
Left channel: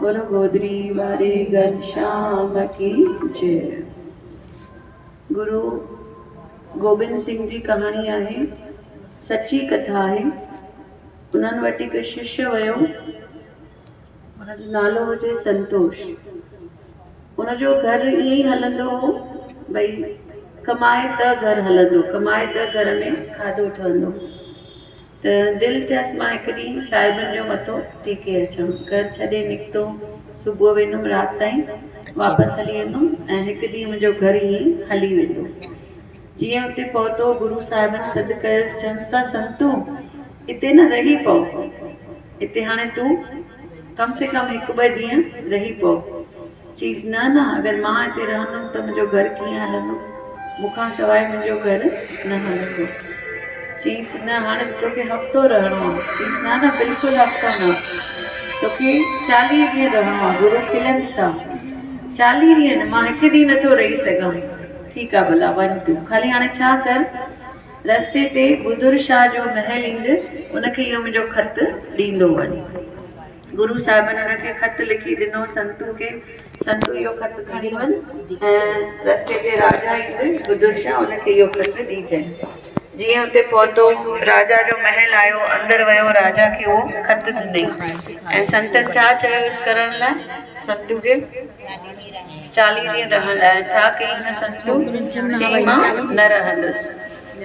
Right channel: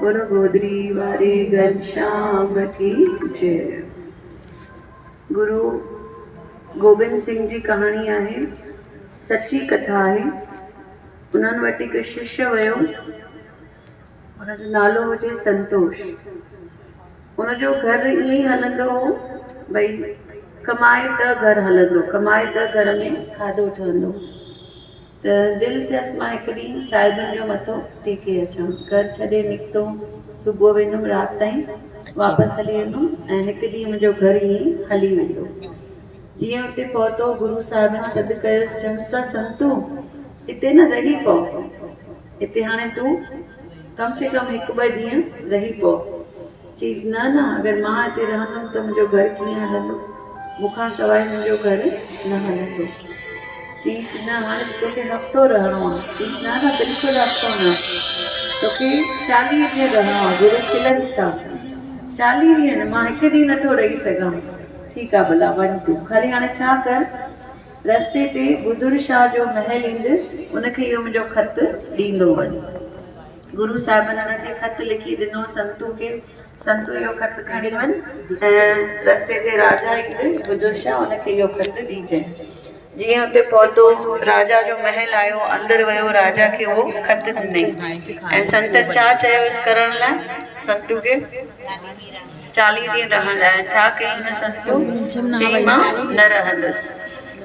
बोलो गोदरी वारी घनश्याम की जय। गुरु गोबिंद सिंह जी कहाणी आहे, सच्ची कथा आहे। उन्हनि वटि हिकु शिष्य वियो, हुनजो नालो हुजे संतोष। उन उनजो घर ईअं ई हलंदो हो भई कमाए त घर हलंदो, कमाए त घर में खाधो ठहंदो। त दिलि थियसि मां हिकु ॾींहुं साहिबनि जो मथो टेके अचां। घर छॾे निकितो, सुबुह वेंदुमि राति ताईं वापसि हली वेंदुमि ऐं हिकु ॾींहुं मुंहिंजो घर ई हली वेंदो। जीअं हुते पहुतो गुरू साहिबनि सॾु कयोसि, चवनि था संतू हिते न रही पओ, हिते हाणे तूं कम से कम हिकु ॿ ॾींहं रही पओ। चईस न न, अगरि मां हिते रहंदुमि त मुंहिंजो घर कीअं हलंदो, मूंखां सवाइ मुंहिंजो घर न हलंदो। चईस न हाणे तोखे हफ़्तो रहणो आहे। चईस न न बिल्कुलु हफ़्तो न, तोखे 40 ॾींहं रहणो आहे। गुरू खिलनि था, 40 ॾींहं न, मां हिकु ॾींहुं नथो रही सघां। ठीकु आहे भला वञ तूं, ख़ाली हाणे छा कर, रस्ते ते बुदुर शाह जो महल ईंदे उनखे इहो मुंहिंजो ख़त ॾींदो वञ। गुरू साहिबनि हुनखे ख़त लिखी ॾिनो संतू खे, संतू इहो ख़त खणी वञ ऐं रस्ते ते राजा ईंदे बुदुर शाह उनखे इहो ख़त ॾिजांइ। जीअं हुते पहुतो, राजा जो महल आयो, अंदरि वियो, राजा खे उहो ख़त ॾिनई ऐं संतनि छा चयोसि करण लाइ, संतू खे 40 ॾींहं रहण लाइ। छा कई हिन संतू, चई मां न रहंदुसि।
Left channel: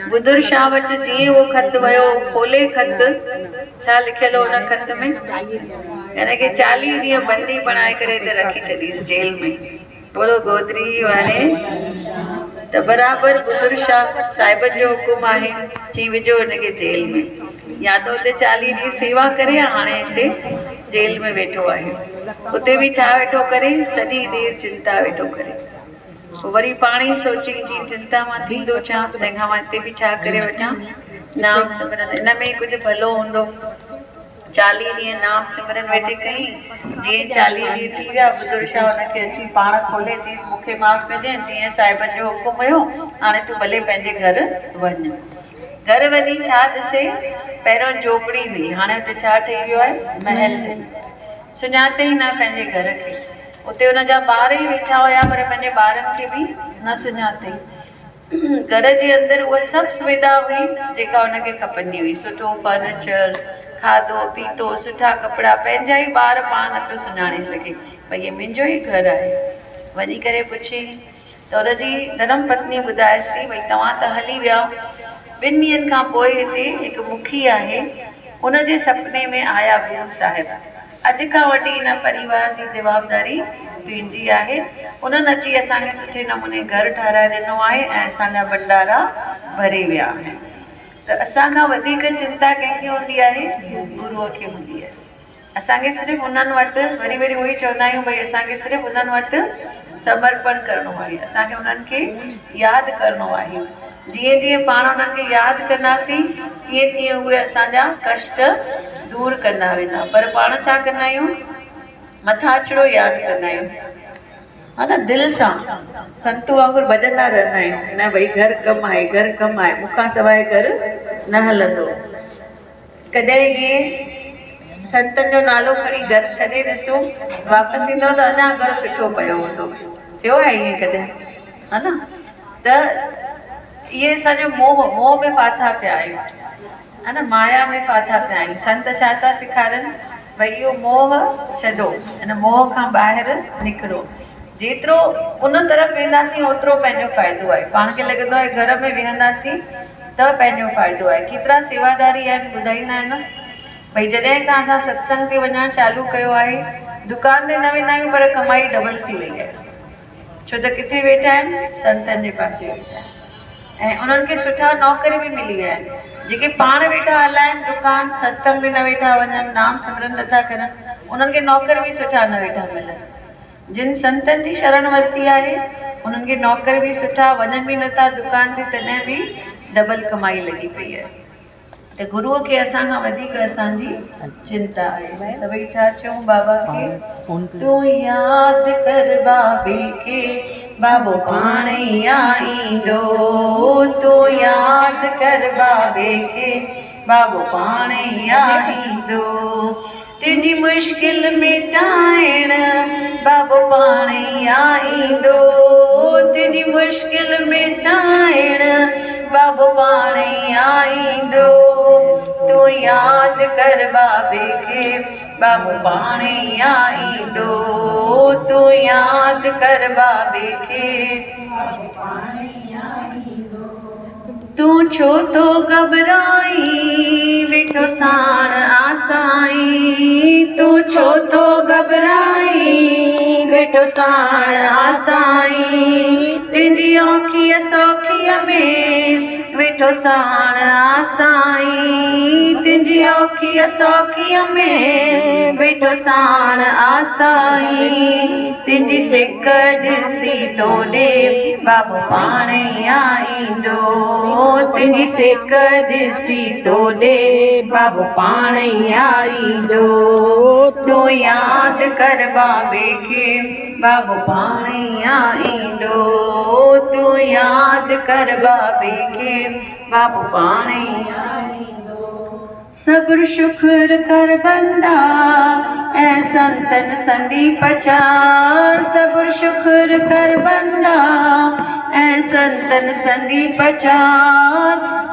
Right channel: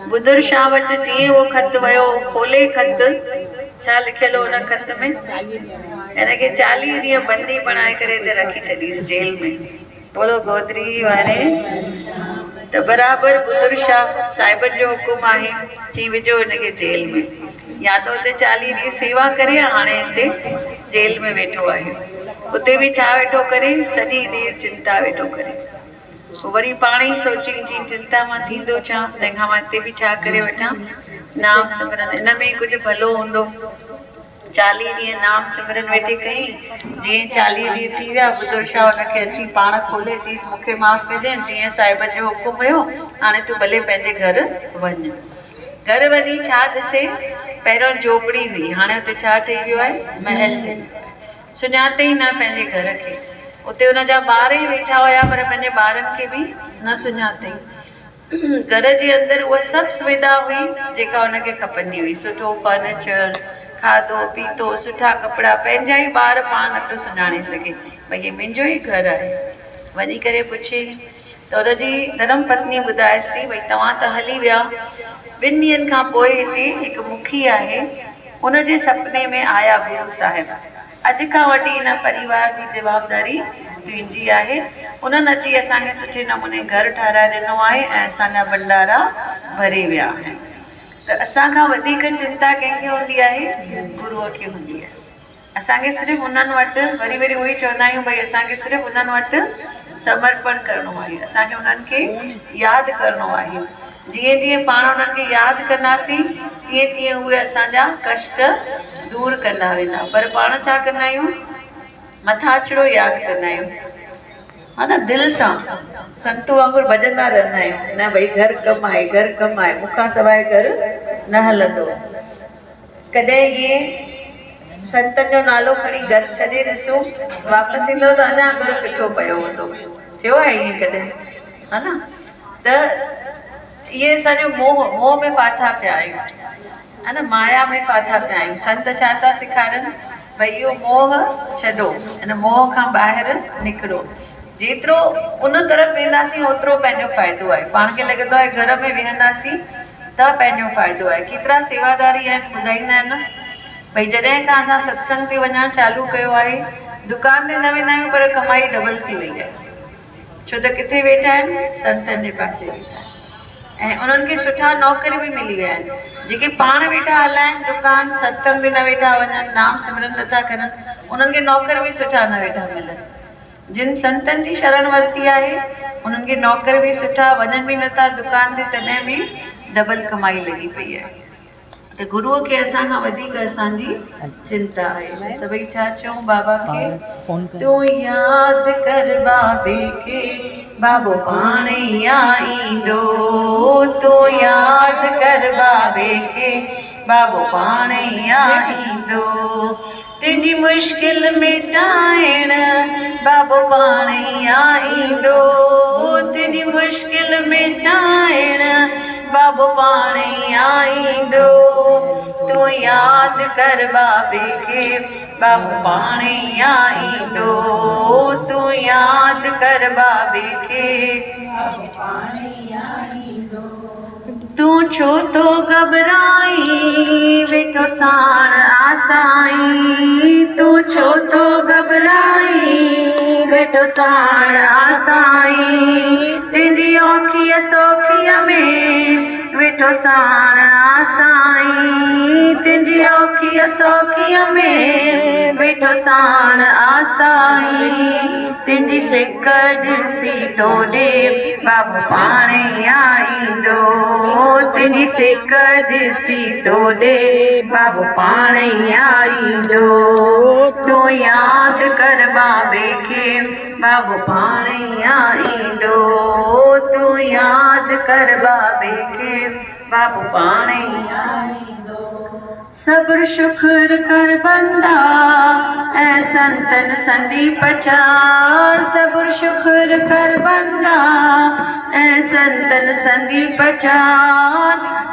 बुदुर शाह वटि जीअं उहो ख़त वियो, खोले ख़त, छा लिखियलु हो हुन ख़त में, हिनखे 40 ॾींहं बंदी बणाए करे हिते रखी छॾीसि जेल में। बोलो गोदरी वारे। त बराबरि बुदुर शाह साहिबनि जो हुकुम आहे, चई विझो हिनखे जेल में। या त हुते 40 ॾींहं सेवा करे, हाणे हिते जेल में वेठो आहे। उते बि छा वेठो करे, सॼी देरि चिंता वेठो करे। पोइ वरी पाण ई सोची जी चिंता मां थींदो छा, तंहिंखां मां हिते बि छा करे वठां, नाम सिमरन, इन में कुझु भलो हूंदो। 40 ॾींहं नाम सिमरन वेठे कई। जीअं 40 ॾींहं थी विया, बुदुर शाह हुनखे अची पाण खोले, चईसि मूंखे माफ़ कजांइ, जीअं साहिबनि जो हुकुम हुयो, हाणे तूं भले पंहिंजे घर वञ। घर वञी छा ॾिसे, पहिरियों झोपड़ी हुई, हाणे हुते छा ठही वियो आहे, महल। सुञाते ई न पंहिंजे घर खे। उते हुनजा ॿार ई वेठा हुया, पर पंहिंजे ॿारनि खे बि न सुञातई। घर जे अंदरि उहा सभु सुविधा हुई जेका हुनखे खपंदी हुई, सुठो फर्नीचर, खाधो पीतो, सुठा कपिड़ा। पंहिंजा ई ॿार पाण नथो सुञाणे सघे, भई हे मुंहिंजो ई घर आहे। वञी करे पुछे त हुनजी धर्म पत्नी ॿुधाएसि थी, भई तव्हां त हली विया, 2 ॾींहंनि खां पोइ हिते हिकु मुखी आहे, उनजे सुपिने में आया गुरू साहिब। अॼु खां वठी हिन परिवार जी जवाबदारी तुंहिंजी आहे। उन्हनि अची असांखे सुठे नमूने घर ठाराए ॾिनो आहे ऐं असांजा भंडारा भरे विया आहिनि। त असांखां वधीक चिंता कंहिंखे हूंदी आहे, गुरूअ खे हूंदी आहे। असांखे सिर्फ़ु उन्हनि वटि वरी वरी उहो ई चवंदा आहियूं, भई असांखे सिर्फ़ु उन्हनि वटि समर्पण करिणो आहे, असांखे उन्हनि खे यादि करिणो आहे। जीअं जीअं पाण उन्हनि खे यादि कंदासीं, तीअं तीअं उहे असांजा कष्ट दूरि कंदा वेंदा। पर पाण छा कंदा आहियूं, मथां अचिणो यादि कंदा आहियूं, हा न, दिलि सां संतू वांगुरु भॼंदा रहंदा आहियूं, न भई घर कमु आहे, घर कमु आहे, मूंखां सवाइ घर न हलंदो। कॾहिं इहे संतनि जो नालो खणी घर छॾे ॾिसो, वापसि ईंदो त अञा घर सुठो पियो हूंदो। थियो आहे ईअं कॾहिं, हा न। त इहे असांजो मोह में फाथा पिया आहियूं, हा न, माया में फाथा पिया आहियूं। संत छा था सेखारनि, भई इहो मोह छॾो, हिन मोह खां ॿाहिरि निकिरो। जेतिरो उन तरफ़ वेंदासीं ओतिरो पंहिंजो फ़ाइदो आहे। पाण खे लॻंदो आहे घर में वेहंदासीं त पंहिंजो फ़ाइदो आहे। केतिरा सेवादारी आहिनि ॿुधाईंदा आहिनि, भई जॾहिं खां असां सत्संग ते वञणु चालू कयो आहे, दुकान ते न वेंदा आहियूं पर कमाई डबल थी वई आहे। छो त किथे वेठा आहिनि, संतनि जे पासे वेठा आहिनि ऐं उन्हनि खे सुठा नौकर बि मिली विया आहिनि। जेके पाण वेठा हलाइनि दुकान, सत्संग ते न वेठा वञनि, नाम सिमरन नथा करनि, उन्हनि खे नौकर बि सुठा न वेठा मिलनि। जिन संतनि जी शरण वरिती आहे, उन्हनि खे नौकर बि सुठा, वञनि बि नथा दुकान ते, तॾहिं बि डबल कमाई लॻी पई आहे। त गुरूअ खे असांखां वधीक असांजी चिंता आहे। सभई छा चऊं बाबा खे, तूं यादि कर बाबे खे, बाबो पाण ई आईंदो। तूं यादि कर बाबे खे, बाबो पाण ई आईंदो। तुंहिंजी मुश्किल मिटाइण बाबो पाण ई आईंदो। तुंहिंजी मुश्किल मिटाइण बाबो पाण ई आईंदो। तूं यादि कर बाबे खे, बाबू पाणे आईंदो। तू यादि कर बाबे खे, तूं छो तो घबराई, वेठो साण आसाई। तूं छो तो घबराई, वेठो साण आसाई। तुंहिंजी औखीअ सौखीअ में वेठो साण आसाई। तुंहिंजी औखीअ सौखीअ में वेठो साण आसाई। तुंहिंजी सिक ॾिसी तो ॾे बाबू पाणे आईंदो। तुंहिंजी सिक ॾिसी तो ॾे बाबू पाणे आईंदो। तूं यादि कर बाबे खे, बाबू पाणे आईंदो। तूं यादि कर बाबे खे, बाबू पाणे आईंदो। सब्र शुक्र कर बंदा, ऐं संतन संगी पचा। सब्र शुक्र कर बंदा, ऐं संतन संगी पचा।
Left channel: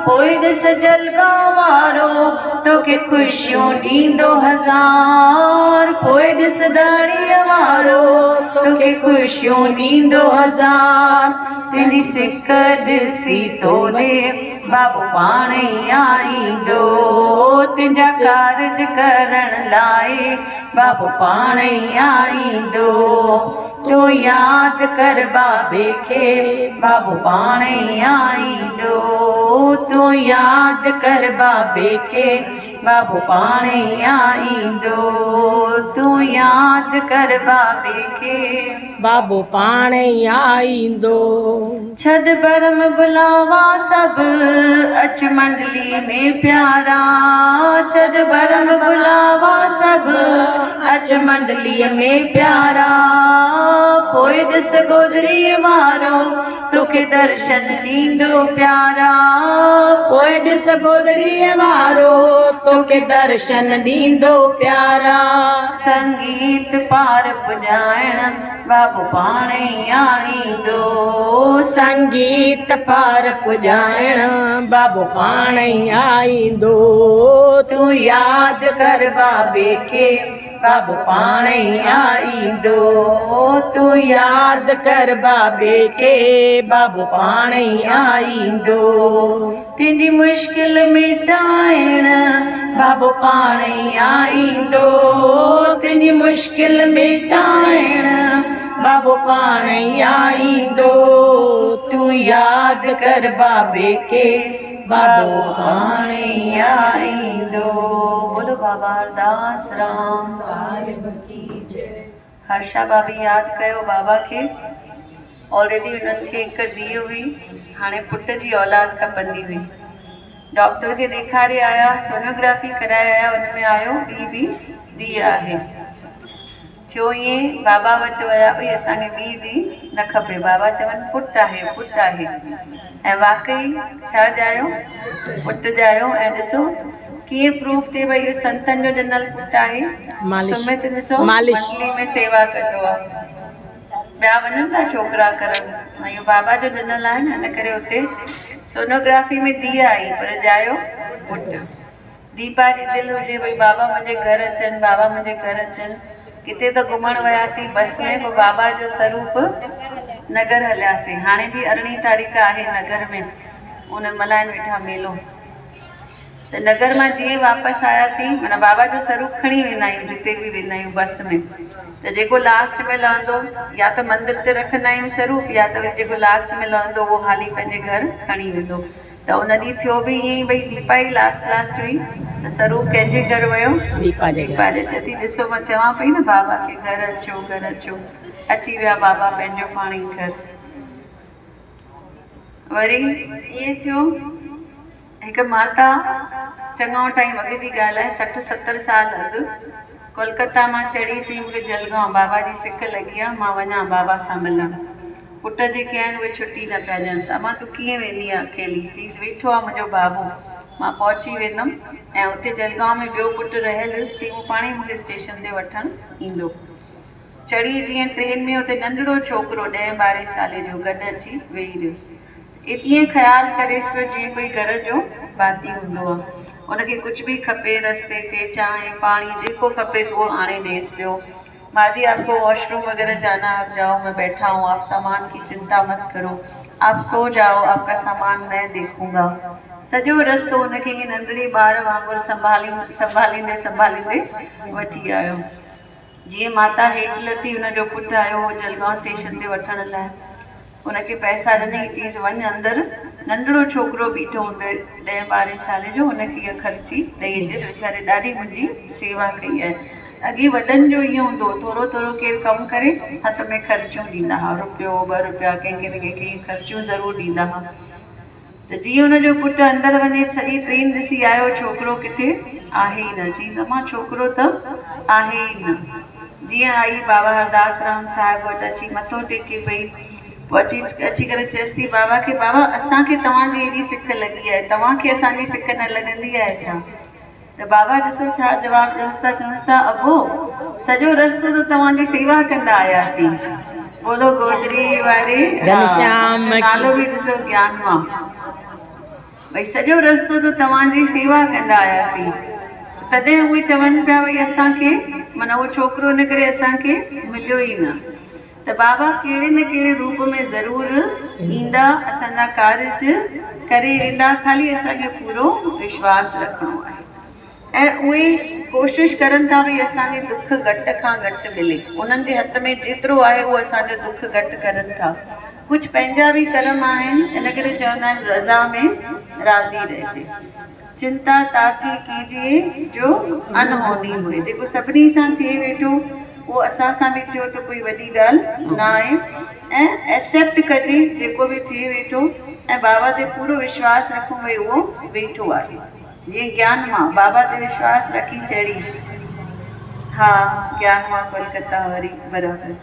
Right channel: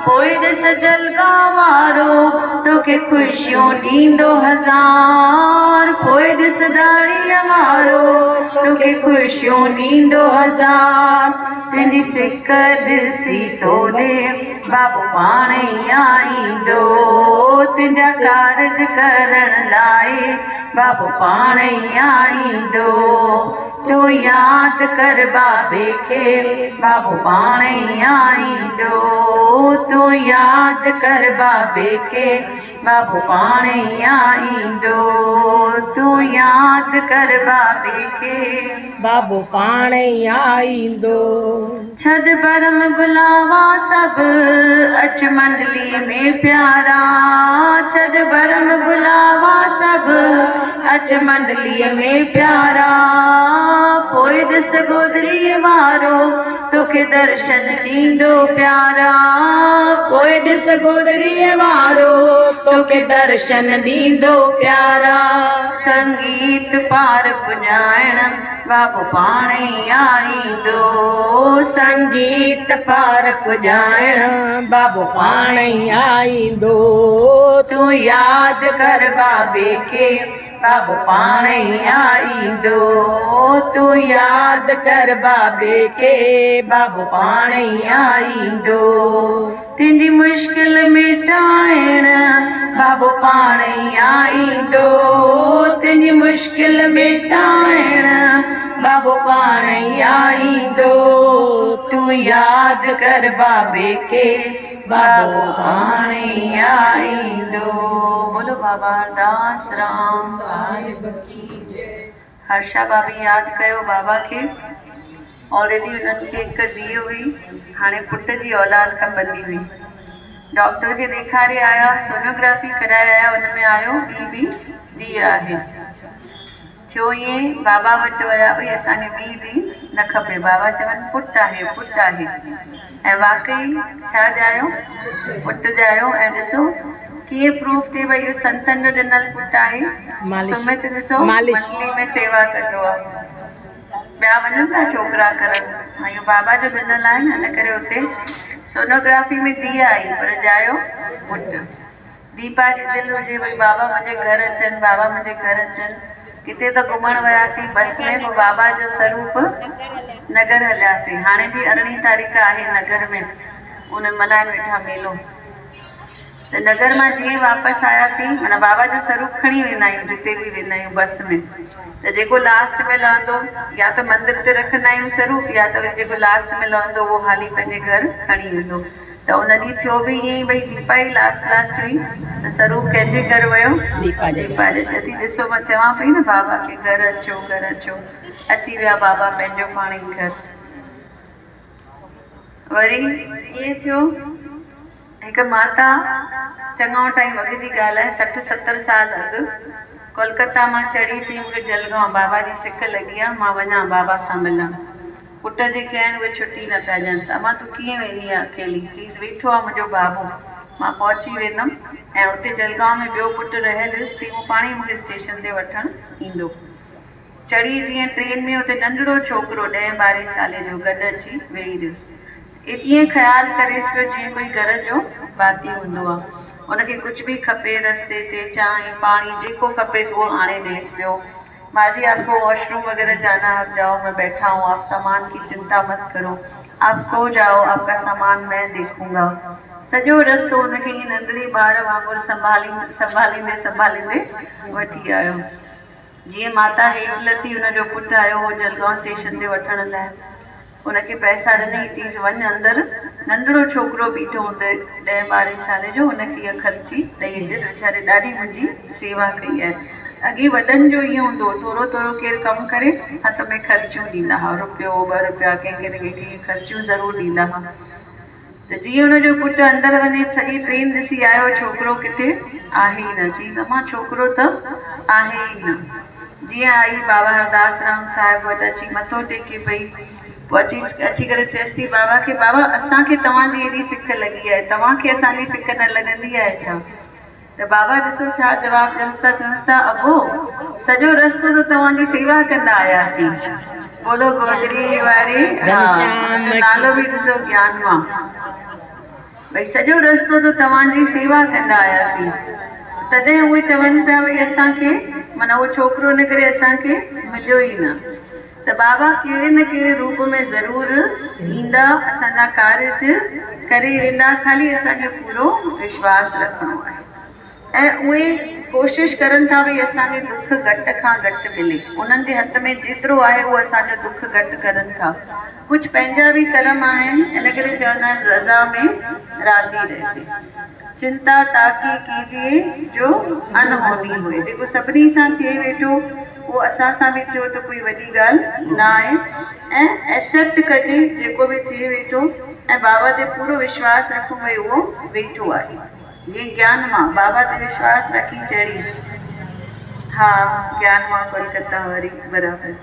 पोइ ॾिस जलगा वारो तोखे ख़ुशियूं ॾींदो हज़ार। पोइ ॾिस दाड़ीअ वारो तोखे ख़ुशियूं ॾींदो हज़ार। तुंहिंजी सिक ॾिसी तो ॾे बाबू पाणे आईंदो। तुंहिंजा कारज करण लाइ बाबू पाणे आईंदो। तूं यादि कर बाबे खे, बाबू पाणे आईंदो। तूं यादि कर बाबे खे, बाबू पाणे आईंदो। तूं यादि कर बाबे खे, बाबू पाणे आईंदो। छॾ भरम बुलावा सभु, अच मंडली में प्यारा। छॾ भरम बुलावा सभु, अच मंडलीअ में प्यारा। पोइ ॾिस गोदड़ीअ वारो तोखे दर्शन ॾींदो प्यारा। पोइ ॾिस गोदड़ीअ वारो तोखे दर्शन ॾींदो प्यारा। संगीत पार पुॼाइण बाबू पाणे आईंदो। संगीत पार पुॼाइण बाबू पाणे आईंदो। तूं यादि कर बाबे खे, बाबू पाणे आईंदो। तूं यादि कर बाबे खे, बाबू पाणे आईंदो। तुंहिंजी मुश्किल मिटाइण बाबू पाणे आईंदो। तुंहिंजी मुश्किल मिटाइण बाबू पाणे आईंदो। तूं यादि कर बाबे खे, बाबू पाणे आईंदो। बोलो बाबा दास राम साहिब की जय। हर्षा भाभी यादि कयो बाबा खे। ऑलरेडी उन्हनि खे हिकु धीउ हुई, हाणे पुट जी औलाद खपंदी हुई। डॉक्टर खे ॾेखारे आया, सोनोग्राफी कराए आया, हुन में आयो ॿी धीउ आहे। थियो ईअं, बाबा वटि विया भई असांखे ॿी धीउ न खपे। बाबा चवनि पुटु आहे, पुटु आहे। ऐं वाकई छा ॼायो? पुटु ॼायो। ऐं ॾिसो कीअं प्रूफ थिए भई इहो संतनि जो ॾिनल पुटु आहे। सुमित ॾिसो मंडली में सेवा कंदो आहे। ॿिया वञनि था छोकिरा करण, इहो बाबा जो ॾिनल आहे न, इन करे हुते सोनोग्राफी में धीउ आई पर ॼायो पुटु। दीपा जी दिलि हुजे भई बाबा मुंहिंजे घर अचनि, बाबा मुंहिंजे घर अचनि। किथे त घुमण वियासीं बस में, पोइ बाबा जो स्वरूप नगर हलियासीं। हाणे बि 18 तारीख़ आहे नगर में, उन मल्हाइनि वेठा मेलो। त नगर मां जीअं वापसि आयासीं, माना बाबा जो स्वरूप खणी वेंदा आहियूं जिते बि वेंदा आहियूं बस में। त जेको लास्ट में लहंदो या त मंदिर ते रखंदा आहियूं स्वरूप, या त वरी जेको लास्ट में लहंदो उहो हाली पंहिंजे घर खणी वेंदो। त उन ॾींहुं थियो बि ईअं ई, भई दीपा ई लास्ट हुई त स्वरूप कंहिंजे घर वियो? दीपा जे। चती ॾिसो मां चवां पई न बाबा खे घर अचो, घर अचो। अची विया बाबा पंहिंजो पाण ई घर। वरी ईअं थियो, हिकु माता चङो टाइम अॻु जी ॻाल्हि आहे, 60-70 साल अॻु कोलकाता मां चढ़ी चई मूंखे जलगांव बाबा जी सिक लॻी आहे, मां वञा बाबा सां मिलण। पुट जेके आहिनि उहे छुटी न पिया ॾियनि। अमां तूं कीअं वेंदी आहे अकेली? चीज़ वेठो आहे मुंहिंजो बाबू, मां पहुची वेंदमि। ऐं उते जलगांव में ॿियो पुटु रहियल हुयुसि, चई उहो पाण ई मूंखे स्टेशन ते वठणु ईंदो। चढ़ी जीअं ट्रेन में, उते नंढड़ो छोकिरो 10-12 साले जो गॾु अची वेही रहियुसि। ईअं ख़्यालु करेसि पियो जीअं कोई घर जो भाती हूंदो आहे। उनखे कुछ भी खपे रस्ते ते चांहि पानी जेको खपेसि उहो आणे ॾेसि पियो। माजी आपको वॉशरूम वगैरह जाना है, आप जाओ, मैं बैठा हूँ, आप सामान की चिंता मत करो, आप सो जाओ, आपका सामान मैं देखूंगा। सॼो रस्तो उनखे ईअं नंढड़ी ॿार वांगुरु संभालींदे वठी आयो। जीअं माता हेठि लथी, हुनजो पुटु आयो हो जलगांव स्टेशन ते वठण लाइ। उनखे पैसा ॾिनई, चईसि वञ अंदरि। नंढड़ो छोकिरो बीठो हूंदो 10-12 साल जो, उनखे इहा ख़र्ची ॾेई अचेसि, वीचारे ॾाढी मुंहिंजी सेवा कई आहे। अॻे वॾनि जो ईअं हूंदो, थोरो थोरो केरु कमु करे हथ में ख़र्चियूं ॾींदा हुआ, रुपयो 2 रुपया कंहिंखे न कंहिंखे इहे ख़र्चियूं ज़रूरु ॾींदा हुआ। त जीअं हुनजो पुटु अंदरि वञे, सॼी ट्रेन ॾिसी आयो, छोकिरो किथे आहे ई न। चईसि अम्मा छोकिरो त आहे ई न। जीअं आई बाबा हरदास राम साहिब वटि अची मथो टेके पई, पोइ अची करे चएसि थी बाबा खे, बाबा असांखे तव्हांजी एॾी सिक लॻी आहे, तव्हांखे असांजी सिक न लॻंदी आहे छा? त बाबा ॾिसो छा जवाबु ॾियनिसि था, चवनिसि था अबो सॼो रस्तो त तव्हांजी सेवा कंदा आयासीं। बोलो गोदरी वारे घनश्याम नालो बि ॾिसो ज्ञान मां, भई सॼो रस्तो त तव्हांजी सेवा कंदा आयासीं। तॾहिं उहे चवनि पिया भई असांखे, माना उहो छोकिरो इन करे असांखे मिलियो ई न। त बाबा कहिड़े न कहिड़े रूप में ज़रूरु ईंदा, असांजा कार्ज करे वेंदा, ख़ाली असांखे पूरो विश्वास रखिणो आहे। ऐं उहे कोशिशि करनि था भई असांखे दुख घटि खां घटि मिले, उन्हनि जे हथ में जेतिरो आहे उहो असांजो दुख घटि करनि था। कुझु पंहिंजा बि कर्म आहिनि, इन करे चवंदा आहिनि रज़ा में राज़ी रहिजे। चिंता ताकी कीजिए जो अनहोनी हुए, जेको सभिनी सां थिए वेठो उहो असां सां बि थियो त कोई वॾी ॻाल्हि न आहे। ऐं एक्सेप्ट कजे जेको बि थिए वेठो, ऐं बाबा ते पूरो विश्वास रखूं भई उहो वेठो आहे। जीअं ज्ञान मां बाबा ते विश्वास रखी चढ़ी, हा ज्ञान मां कोलकाता वरी बराबरि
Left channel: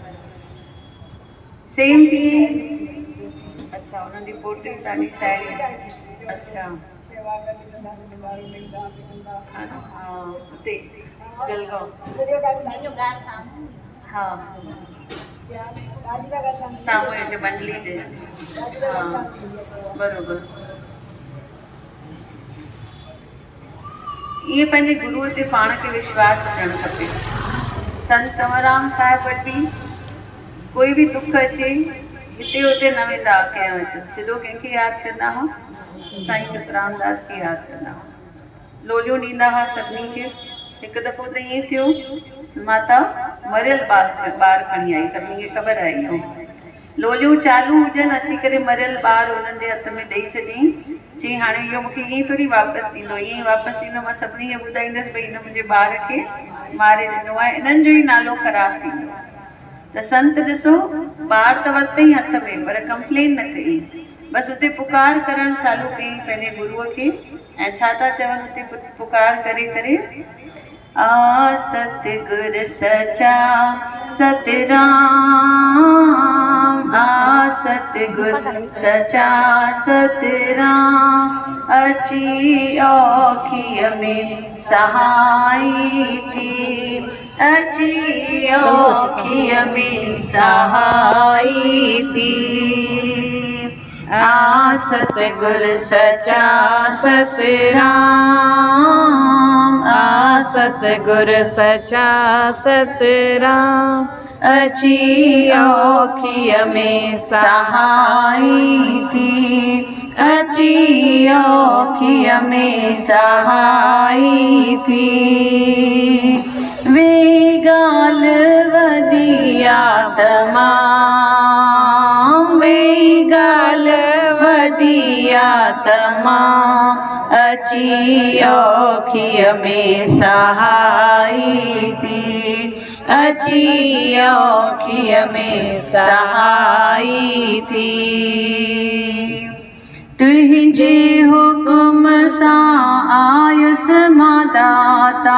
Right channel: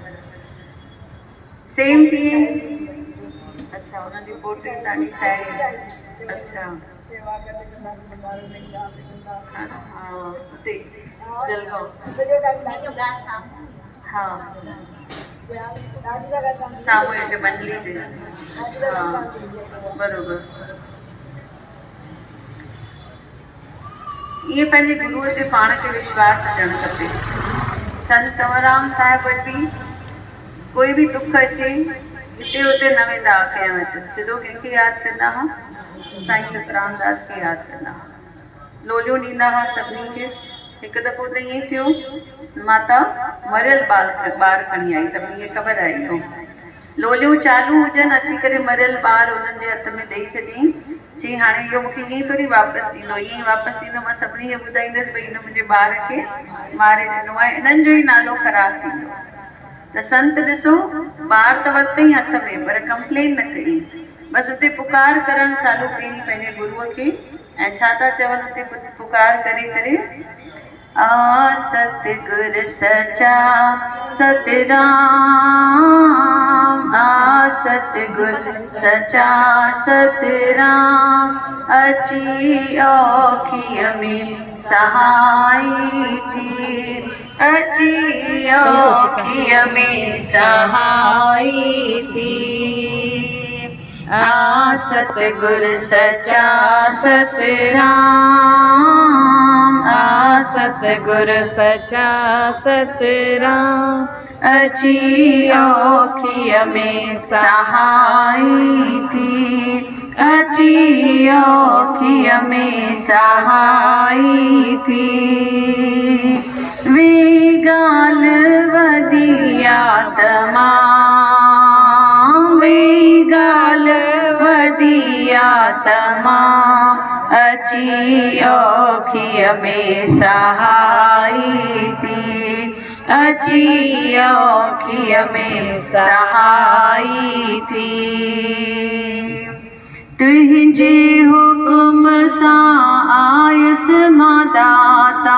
सेम थी। अच्छा उन्हनि जी पोटी तव्हांजी साहेड़ी, अच्छा हा हुते जलगांव, हा साम्हूं हिते मंडली जे, हा बराबरि। इहे पंहिंजे गुरूअ ते पाण खे विश्वास अचणु खपे। संत कंवरराम साहिब वटि बि कोई बि दुख अचे, हिते हुते न वेंदा कंहिं वटि, सिधो कंहिंखे यादि कंदा हुआ, साईं सतराम दास खे यादि कंदा हुआ। लोलियूं ॾींदा हुआ सभिनी खे। हिकु दफ़ो त ईअं थियो, माता मरियल ॿार खणी आई, सभिनी खे ख़बर आहे इहो। लोलियूं चालू हुजनि, अची करे मरियल ॿार हुननि जे हथ में ॾेई छॾियईं। चई हाणे इहो मूंखे ईअं ई थोरी वापसि ॾींदो, ईअं ई वापसि ॾींदो, मां सभिनी खे ॿुधाईंदसि भई हिन मुंहिंजे ॿार खे मारे ॾिनो आहे, इन्हनि जो ई नालो ख़राबु थींदो। त संत ॾिसो ॿार त वरितई हथ में, पर कंप्लेन न कई, बसि हुते पुकार करणु चालू कयईं पंहिंजे गुरूअ खे। ऐं छा था चवनि हुते पुकार करे करे, आ सतगुर सचा सतराम, आ सतगुर सचा सतराम, अची औखिय में सहाई थी, अची औखिय में सहाई थी। आ सतगुर सचा सतराम, आ सतगुर सचा सतराम, अची औखिय में सहाई थी, अची औखिय में सहाई थी। वे गाल वदी आत्मा, वे गाल वदी आत्मा, अची औखिय में सहाई थी, अची औखिय में सहाई थी। तुझे हुक्म सां आयुसि मां दाता,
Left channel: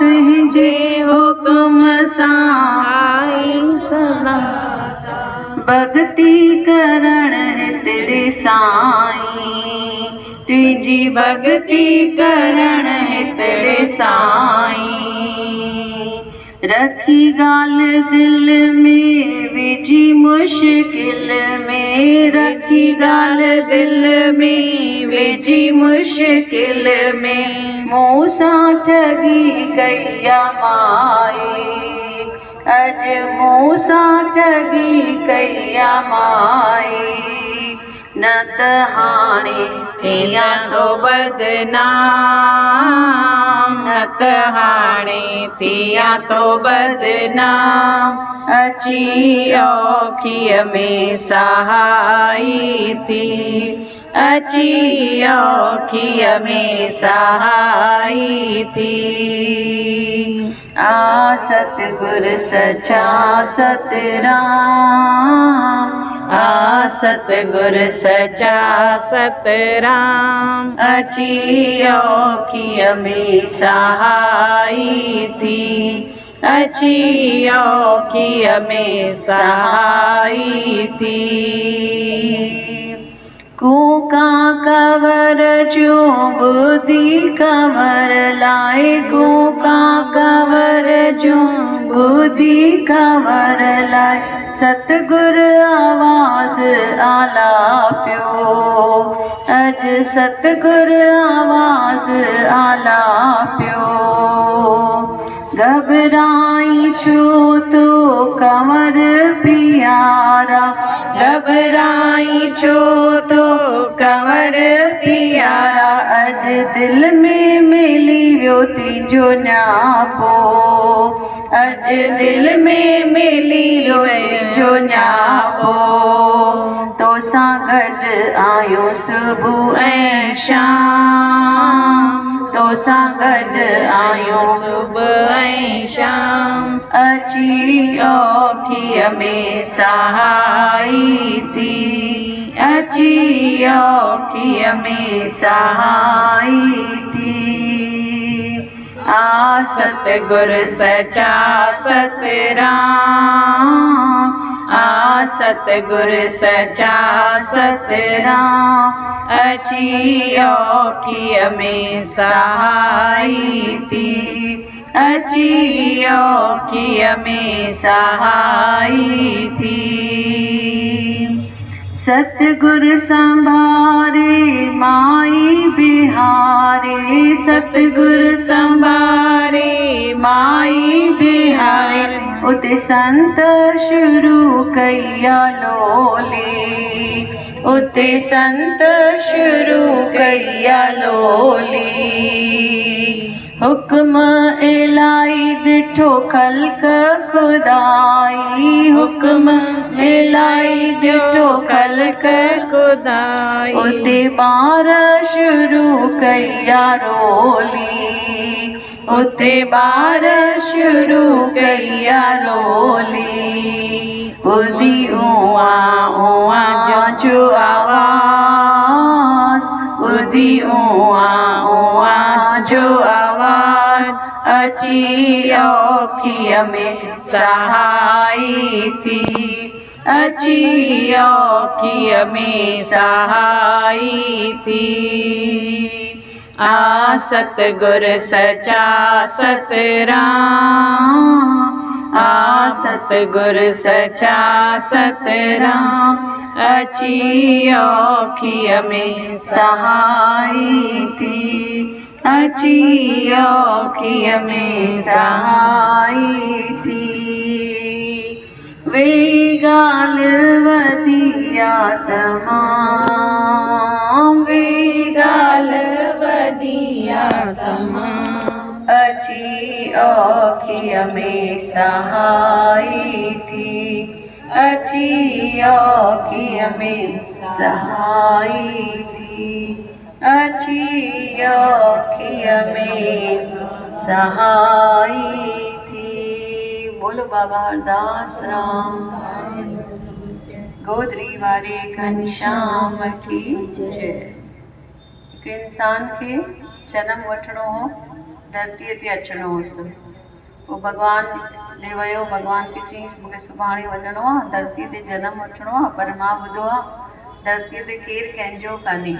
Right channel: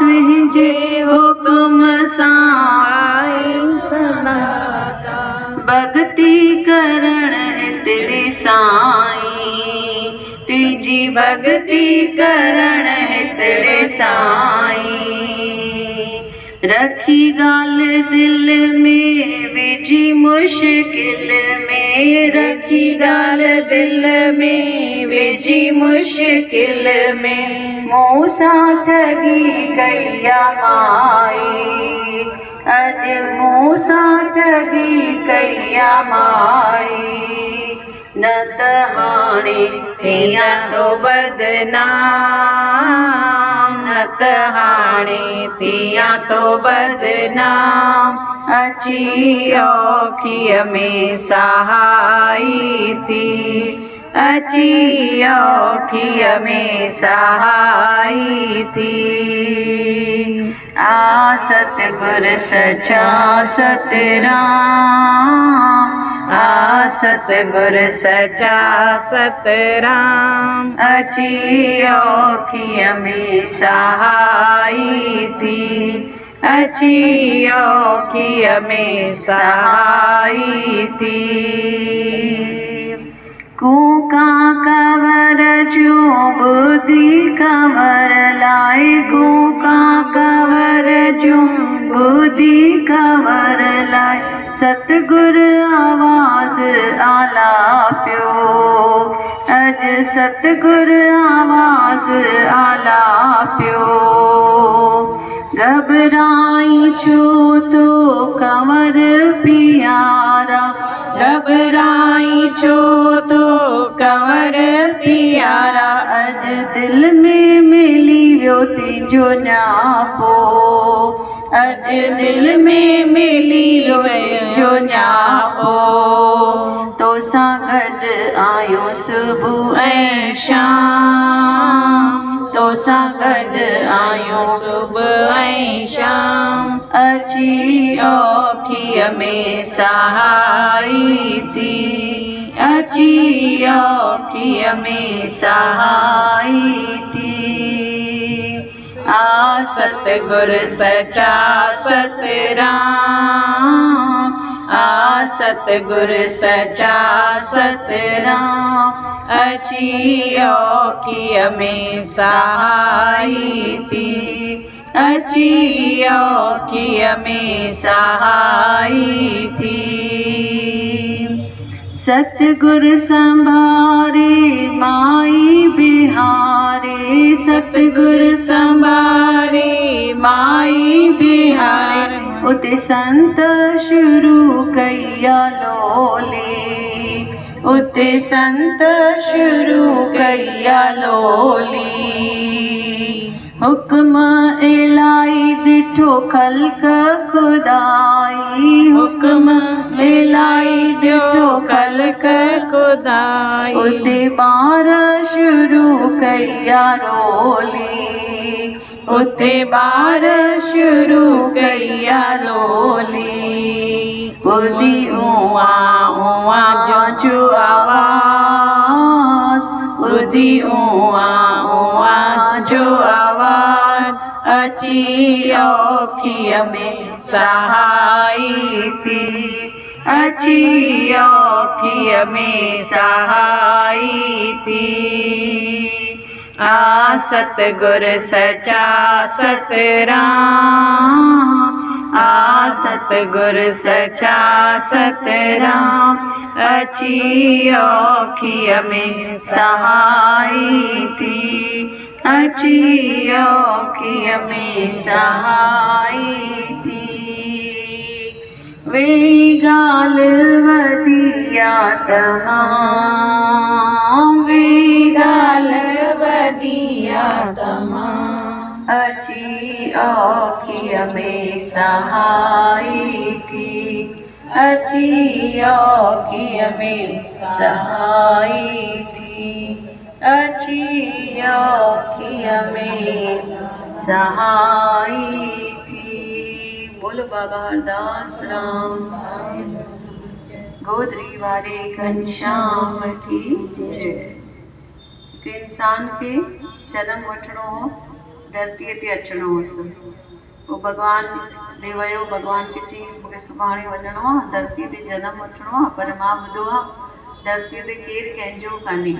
तुझे हुक्म सां आयुसि दाता, भक्ति करण हितड़े साईं, तुझी भक्ति करण हितड़े साईं। रखी ॻाल्हि दिल में विझी मुश्किल में, रखी ॻाल्हि दिल में विझी मुश्किल में, मूं सां ठगी कई आ माई, अॼु मूं सां ठगी कई आ माई, न त हाणे थियां तो बदनाम, न त हाणे थियां तो बदनाम, अची औखीअ में सहाई थी, अची औखीअ में सहाई थी। आ सतगुर सचा सतराम, आ सतगुर सचा सतराम, अची औखीअ में सहाई थी, अची औखीअ में सहाई थी। कूका कवर जूं बुधी कवर लाए, कूका कवर जूं बुधी कवर लाए, सतगुर आवाज़ आलापियो, अॼु सतगुर आवाज़ आलापियो, घबराई छो तो कंवर पियारा, घबराई छो तो कंवर पियारा, अॼु दिल में मिली वियो तुंहिंजो न्यापो, अॼु दिल में मिली वियो न्यापो, तोसां गॾु आयो सुबुह ऐं शाम, तोसां गॾु आयूं सुबुह ऐं शाम, अची औखीअ में सहाई थी, अची औखीअ में सहाई थी। आ सतगुर सचा सतराम, आ सतगुर सचा सतराम, अची औखीअ में सहाई थी, अची औखीअ में सहाई थी। सतगुर संभारे माई बिहारे, सतगुर संभारे माई बिहार, उते संत शुरू कया लोली, उते संत शुरू कया लोली, हुक्म इलाही ॾिठो ख़ल्क़ खुदाई, हुक्म इलाही थियो ख़ल्क़ खुदाई, उते ॿार शुरू कया रोली, उते ॿार शुरू कया लोली, ॿुधी उआ उआ जो आवाज़, ॿुधी उआ उआ जो आवाज़, अची औखीअ में सहाई थी, अची औखीअ में सहाई थी। आ सतगुर सचा सतराम, आ सतगुर सचा सतराम, अची औखीअ में सहाई थी, अची औखीअ में सहाई थी। वे ॻाल्हि वधिया तमाम, वे ॻाल्हि वधिया तमाम, अची औखीअ में सहाई थी, अची औखीअ में सहाई थी, अची औखीअ में सहाई थी। बोलो बाबा हरदास राम गोदरी वारे घनश्याम की जय। हिकु इंसान खे जनम वठिणो हो, धरतीअ ते अचिणो हुअसि, पोइ भॻवान ॾे वियो, भॻवान खे चयईंसि मूंखे सुभाणे वञिणो आहे, धरतीअ ते जनम वठिणो आहे, पर मां ॿुधो आहे धरतीअ ते केरु कंहिंजो कान्हे,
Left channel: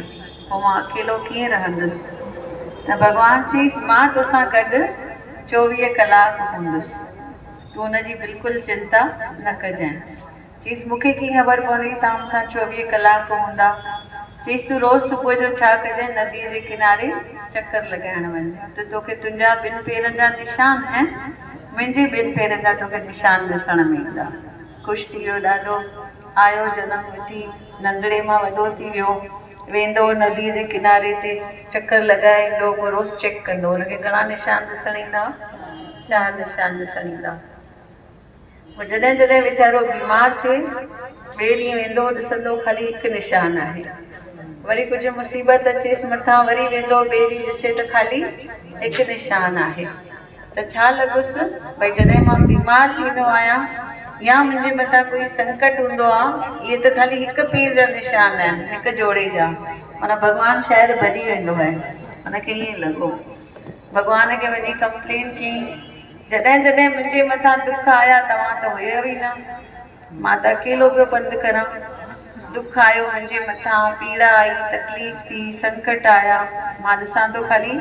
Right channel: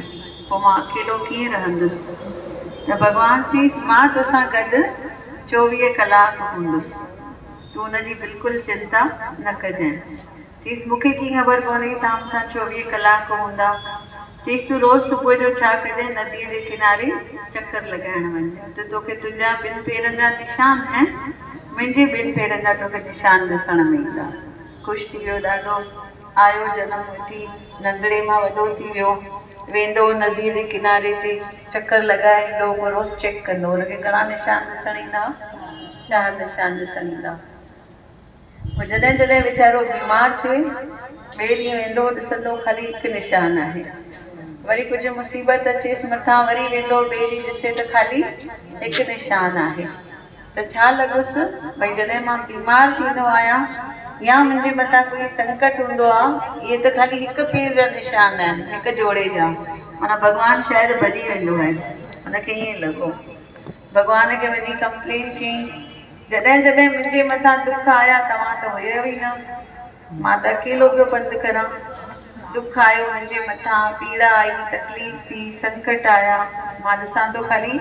पोइ मां अकेलो कीअं रहंदुसि। त भॻवानु चयईंसि मां तोसां गॾु 24 कलाक हूंदुसि, तूं हुनजी बिल्कुलु चिंता न कजांइ। चईसि मूंखे कीअं ख़बर पवंदी तव्हां मूंसां 24 कलाक हूंदा। चईसि तूं रोज़ु सुबुह जो छा कजांइ, नदीअ जे किनारे चकर लॻाइण वञजांइ। त तोखे तुंहिंजा 2 पेरनि जा निशान आहिनि, मुंहिंजे 2 पेरनि जा तोखे निशान ॾिसण में ईंदा। ख़ुशि थी वियो ॾाढो, आयो जनम वठी, नंढड़े मां वॾो थी वियो, वेंदो नदीअ जे किनारे ते चकर लॻाए ईंदो, पोइ रोज़ु चेक कंदो हुनखे घणा निशान ॾिसण ईंदा, 4 निशान ॾिसण ईंदा। पोइ जॾहिं जॾहिं वीचारो बीमार थिए, ॿिए ॾींहुं वेंदो ॾिसंदो ख़ाली 1 निशान आहे। वरी कुझु मुसीबत अचेसि मथां, वरी वेंदो ॿिए ॾींहुं ॾिसे त ख़ाली 1 निशान आहे। त छा लॻुसि भई जॾहिं मां बीमार थींदो आहियां या मुंहिंजे मथां कोई संकट हूंदो आहे, इहे त ख़ाली 1 पेर जा निशान आहिनि, 1 जोड़े जा, माना भॻवानु शायदि भॼी वेंदो आहे। हुनखे ईअं लॻो, भॻवान खे वञी कंप्लेन कयईं, जॾहिं जॾहिं मुंहिंजे मथां दुख आया तव्हां त हुयव ई न, मां त अकेलो पियो पंधु करां। दुख आयो मुंहिंजे मथां, पीड़ा आई, तकलीफ़ थी, संकट आया, मां ॾिसां थो ख़ाली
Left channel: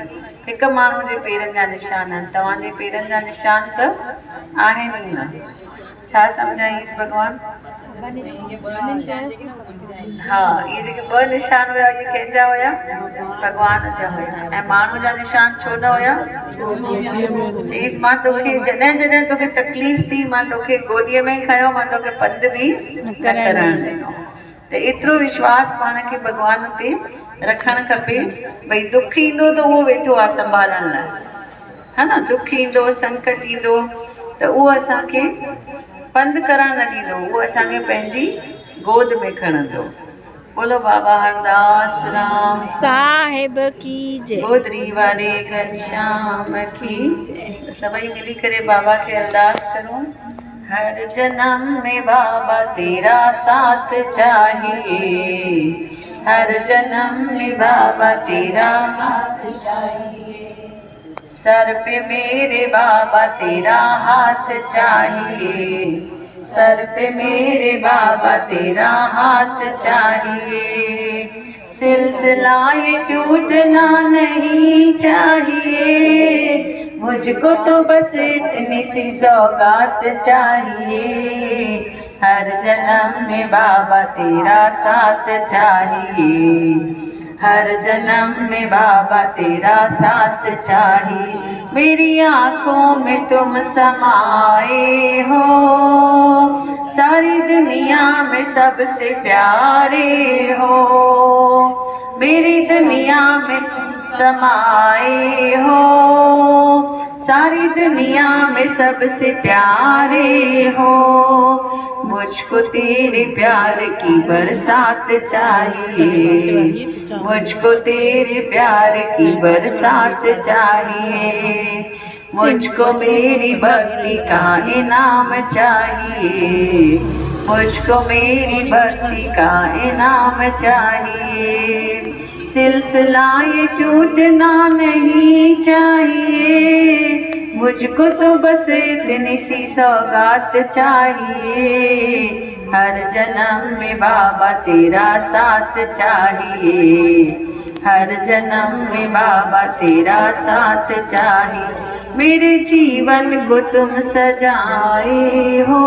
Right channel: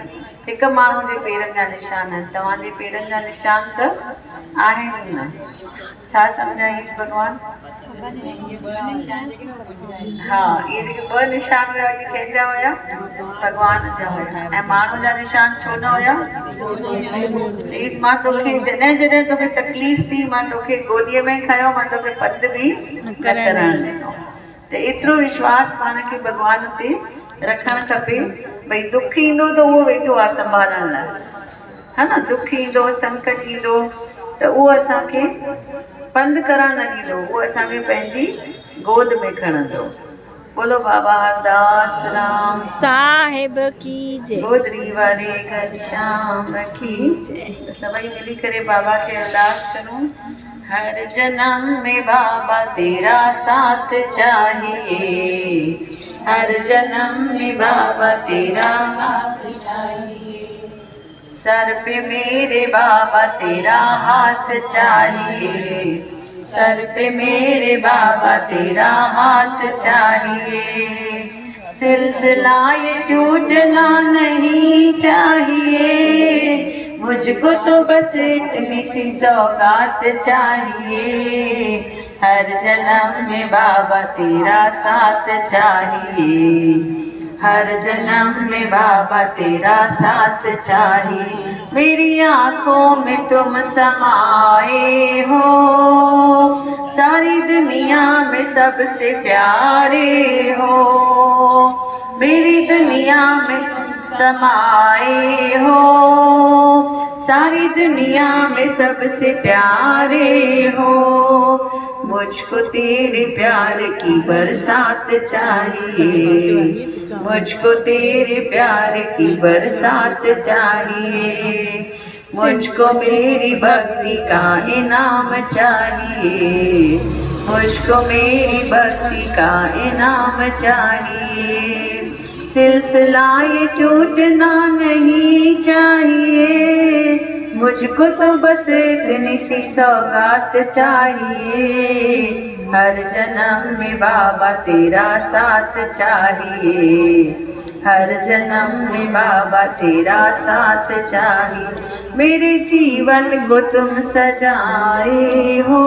1 माण्हू जे पेरनि जा निशान आहिनि, तव्हांजे पेरनि जा निशान त आहिनि ई न। छा सम्झाईंसि भॻवानु? हा, इहे जेके 2 निशान हुया इहे कंहिंजा हुया? भॻवान जा हुया। ऐं माण्हू जा निशान छो न हुया? चईसि मां तोखे जॾहिं जॾहिं तोखे तकलीफ़ थी, मां तोखे गोदीअ में खयो, मां तोखे पंधु बि न करणु ॾिनो। त एतिरो विश्वास पाण खे भॻवान ते रखणु खपे, भई दुख ईंदो त उहो वेठो आहे संभालण लाइ, हा न। दुख ईंदो, संकट ईंदो त उहो असांखे पंधु करणु न ॾींदो, उहो असांखे पंहिंजी गोद में खणंदो। बोलो बाबा हरदास राम साहिब की जय। गोदरी वारे घनश्याम की जय। सभई मिली करे बाबा खे अरदास करूं। हर जन्म में बाबा तेरा साथ चाहिए, हर जन्म में बाबा तेरा साथ चाहिए, सर पे मेरे बाबा तेरा हाथ चाहिए, सर पे मेरे बाबा तेरा हाथ चाहिए, सिलसिला ये टूटना नहीं चाहिए, मुझको तो बस इतनी सी सौगात चाहिए, हर जन्म में बाबा तेरा साथ चाहिए, हर जन्म में बाबा तेरा साथ चाहिए, मेरी आँखों में तुम समाए हो, सारी दुनिया में सबसे प्यारे हो, मेरी दुनिया में समाए हो, सारी दुनिया में सबसे प्यारे हो, मुझको तेरे प्यार की बरसात चाहिए, मुझको तेरे प्यार की बरसात चाहिए, मुझको मेरी भक्ति का इनाम चाहिए, मुझको मेरी भक्ति का इनाम चाहिए, सिलसिला ये टूटना नहीं चाहिए, मुझको तो बस इतनी सी सौगात चाहिए, हर जन्म में बाबा तेरा साथ चाहिए, हर जन्म में बाबा तेरा साथ चाहिए, मेरे जीवन को तुम सजाए हो,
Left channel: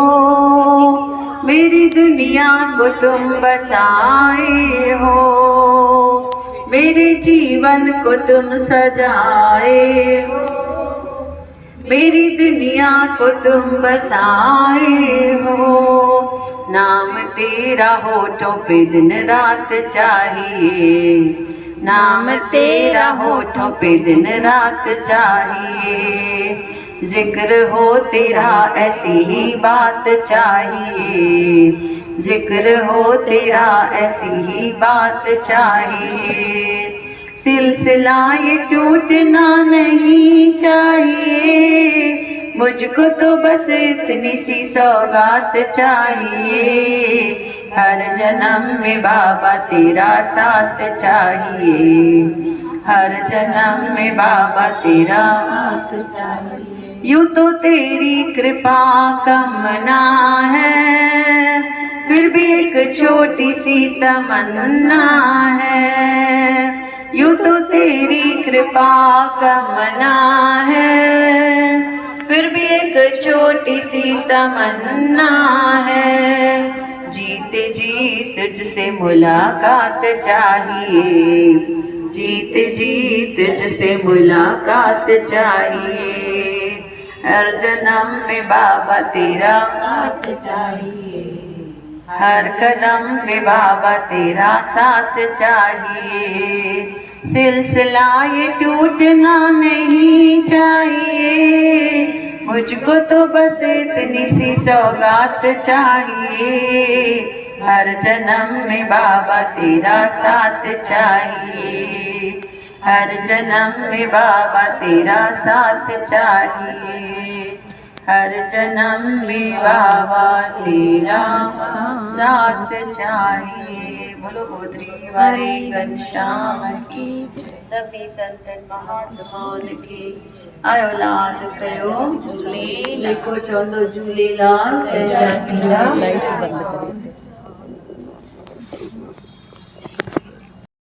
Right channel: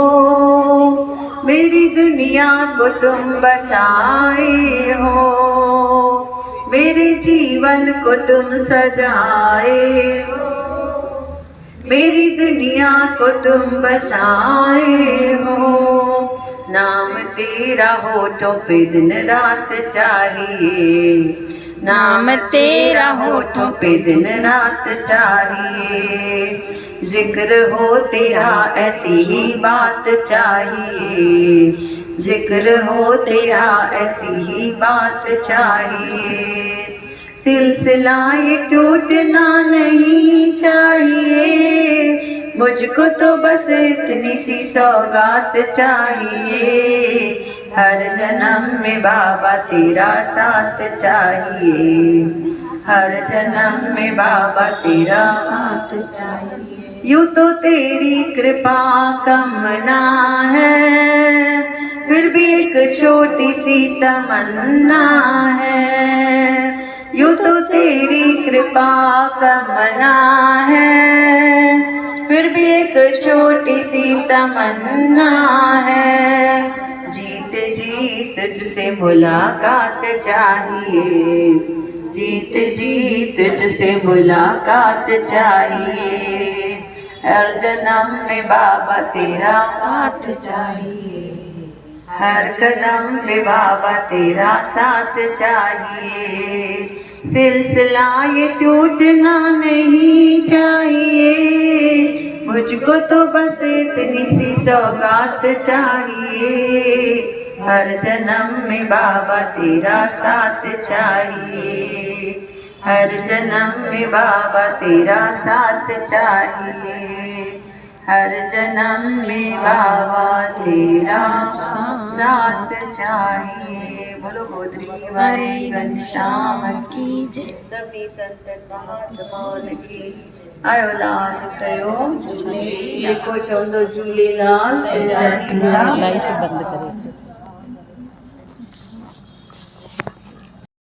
मेरी दुनिया को तुम बसाए हो, मेरे जीवन को तुम सजाए हो, मेरी दुनिया को तुम बसाए हो, नाम तेरा होठों पे दिन रात चाहिए, नाम तेरा होठों पे दिन रात चाहिए, जिक्र हो तेरा ऐसी ही बात चाहिए, जिक्र हो तेरा ऐसी ही बात चाहिए, सिलसिला ये टूटना नहीं चाहिए, मुझको तो बस इतनी सी सौगात चाहिए, हर जन्म में बाबा तेरा साथ चाहिए, हर जन्म में बाबा तेरा साथ चाहिए, यूं तो तेरी कृपा कम ना है, फिर भी एक छोटी सी तमन्ना है, यूं तो तेरी कृपा कम ना है, फिर सिर्फ एक छोटी सी तमन्ना है, जीत जीत तुझसे मुलाकात चाहिए, जीत जीत तुझसे मुलाकात चाहिए, हर जन्म में बाबा तेरा साथ चाहिए, हर कदम में बाबा तेरा साथ चाहिए, सिलसिला ये टूटना नहीं चाहिए, मुझको तो बस इतनी सी सौगात चाहिए, हर जन्म में बाबा तेरा साथ चाहिए, हर जन्म में बाबा तेरा साथ चाहिए, हर जन्म में बाबा तेरा साथ चाहिए। बोलो गोत्री वारी घनश्याम की जय। सभी संतन महात्माओं की आयो लाल कयो झूले, लिखो चवंदो झूलेलाल। लाइट बंद करे।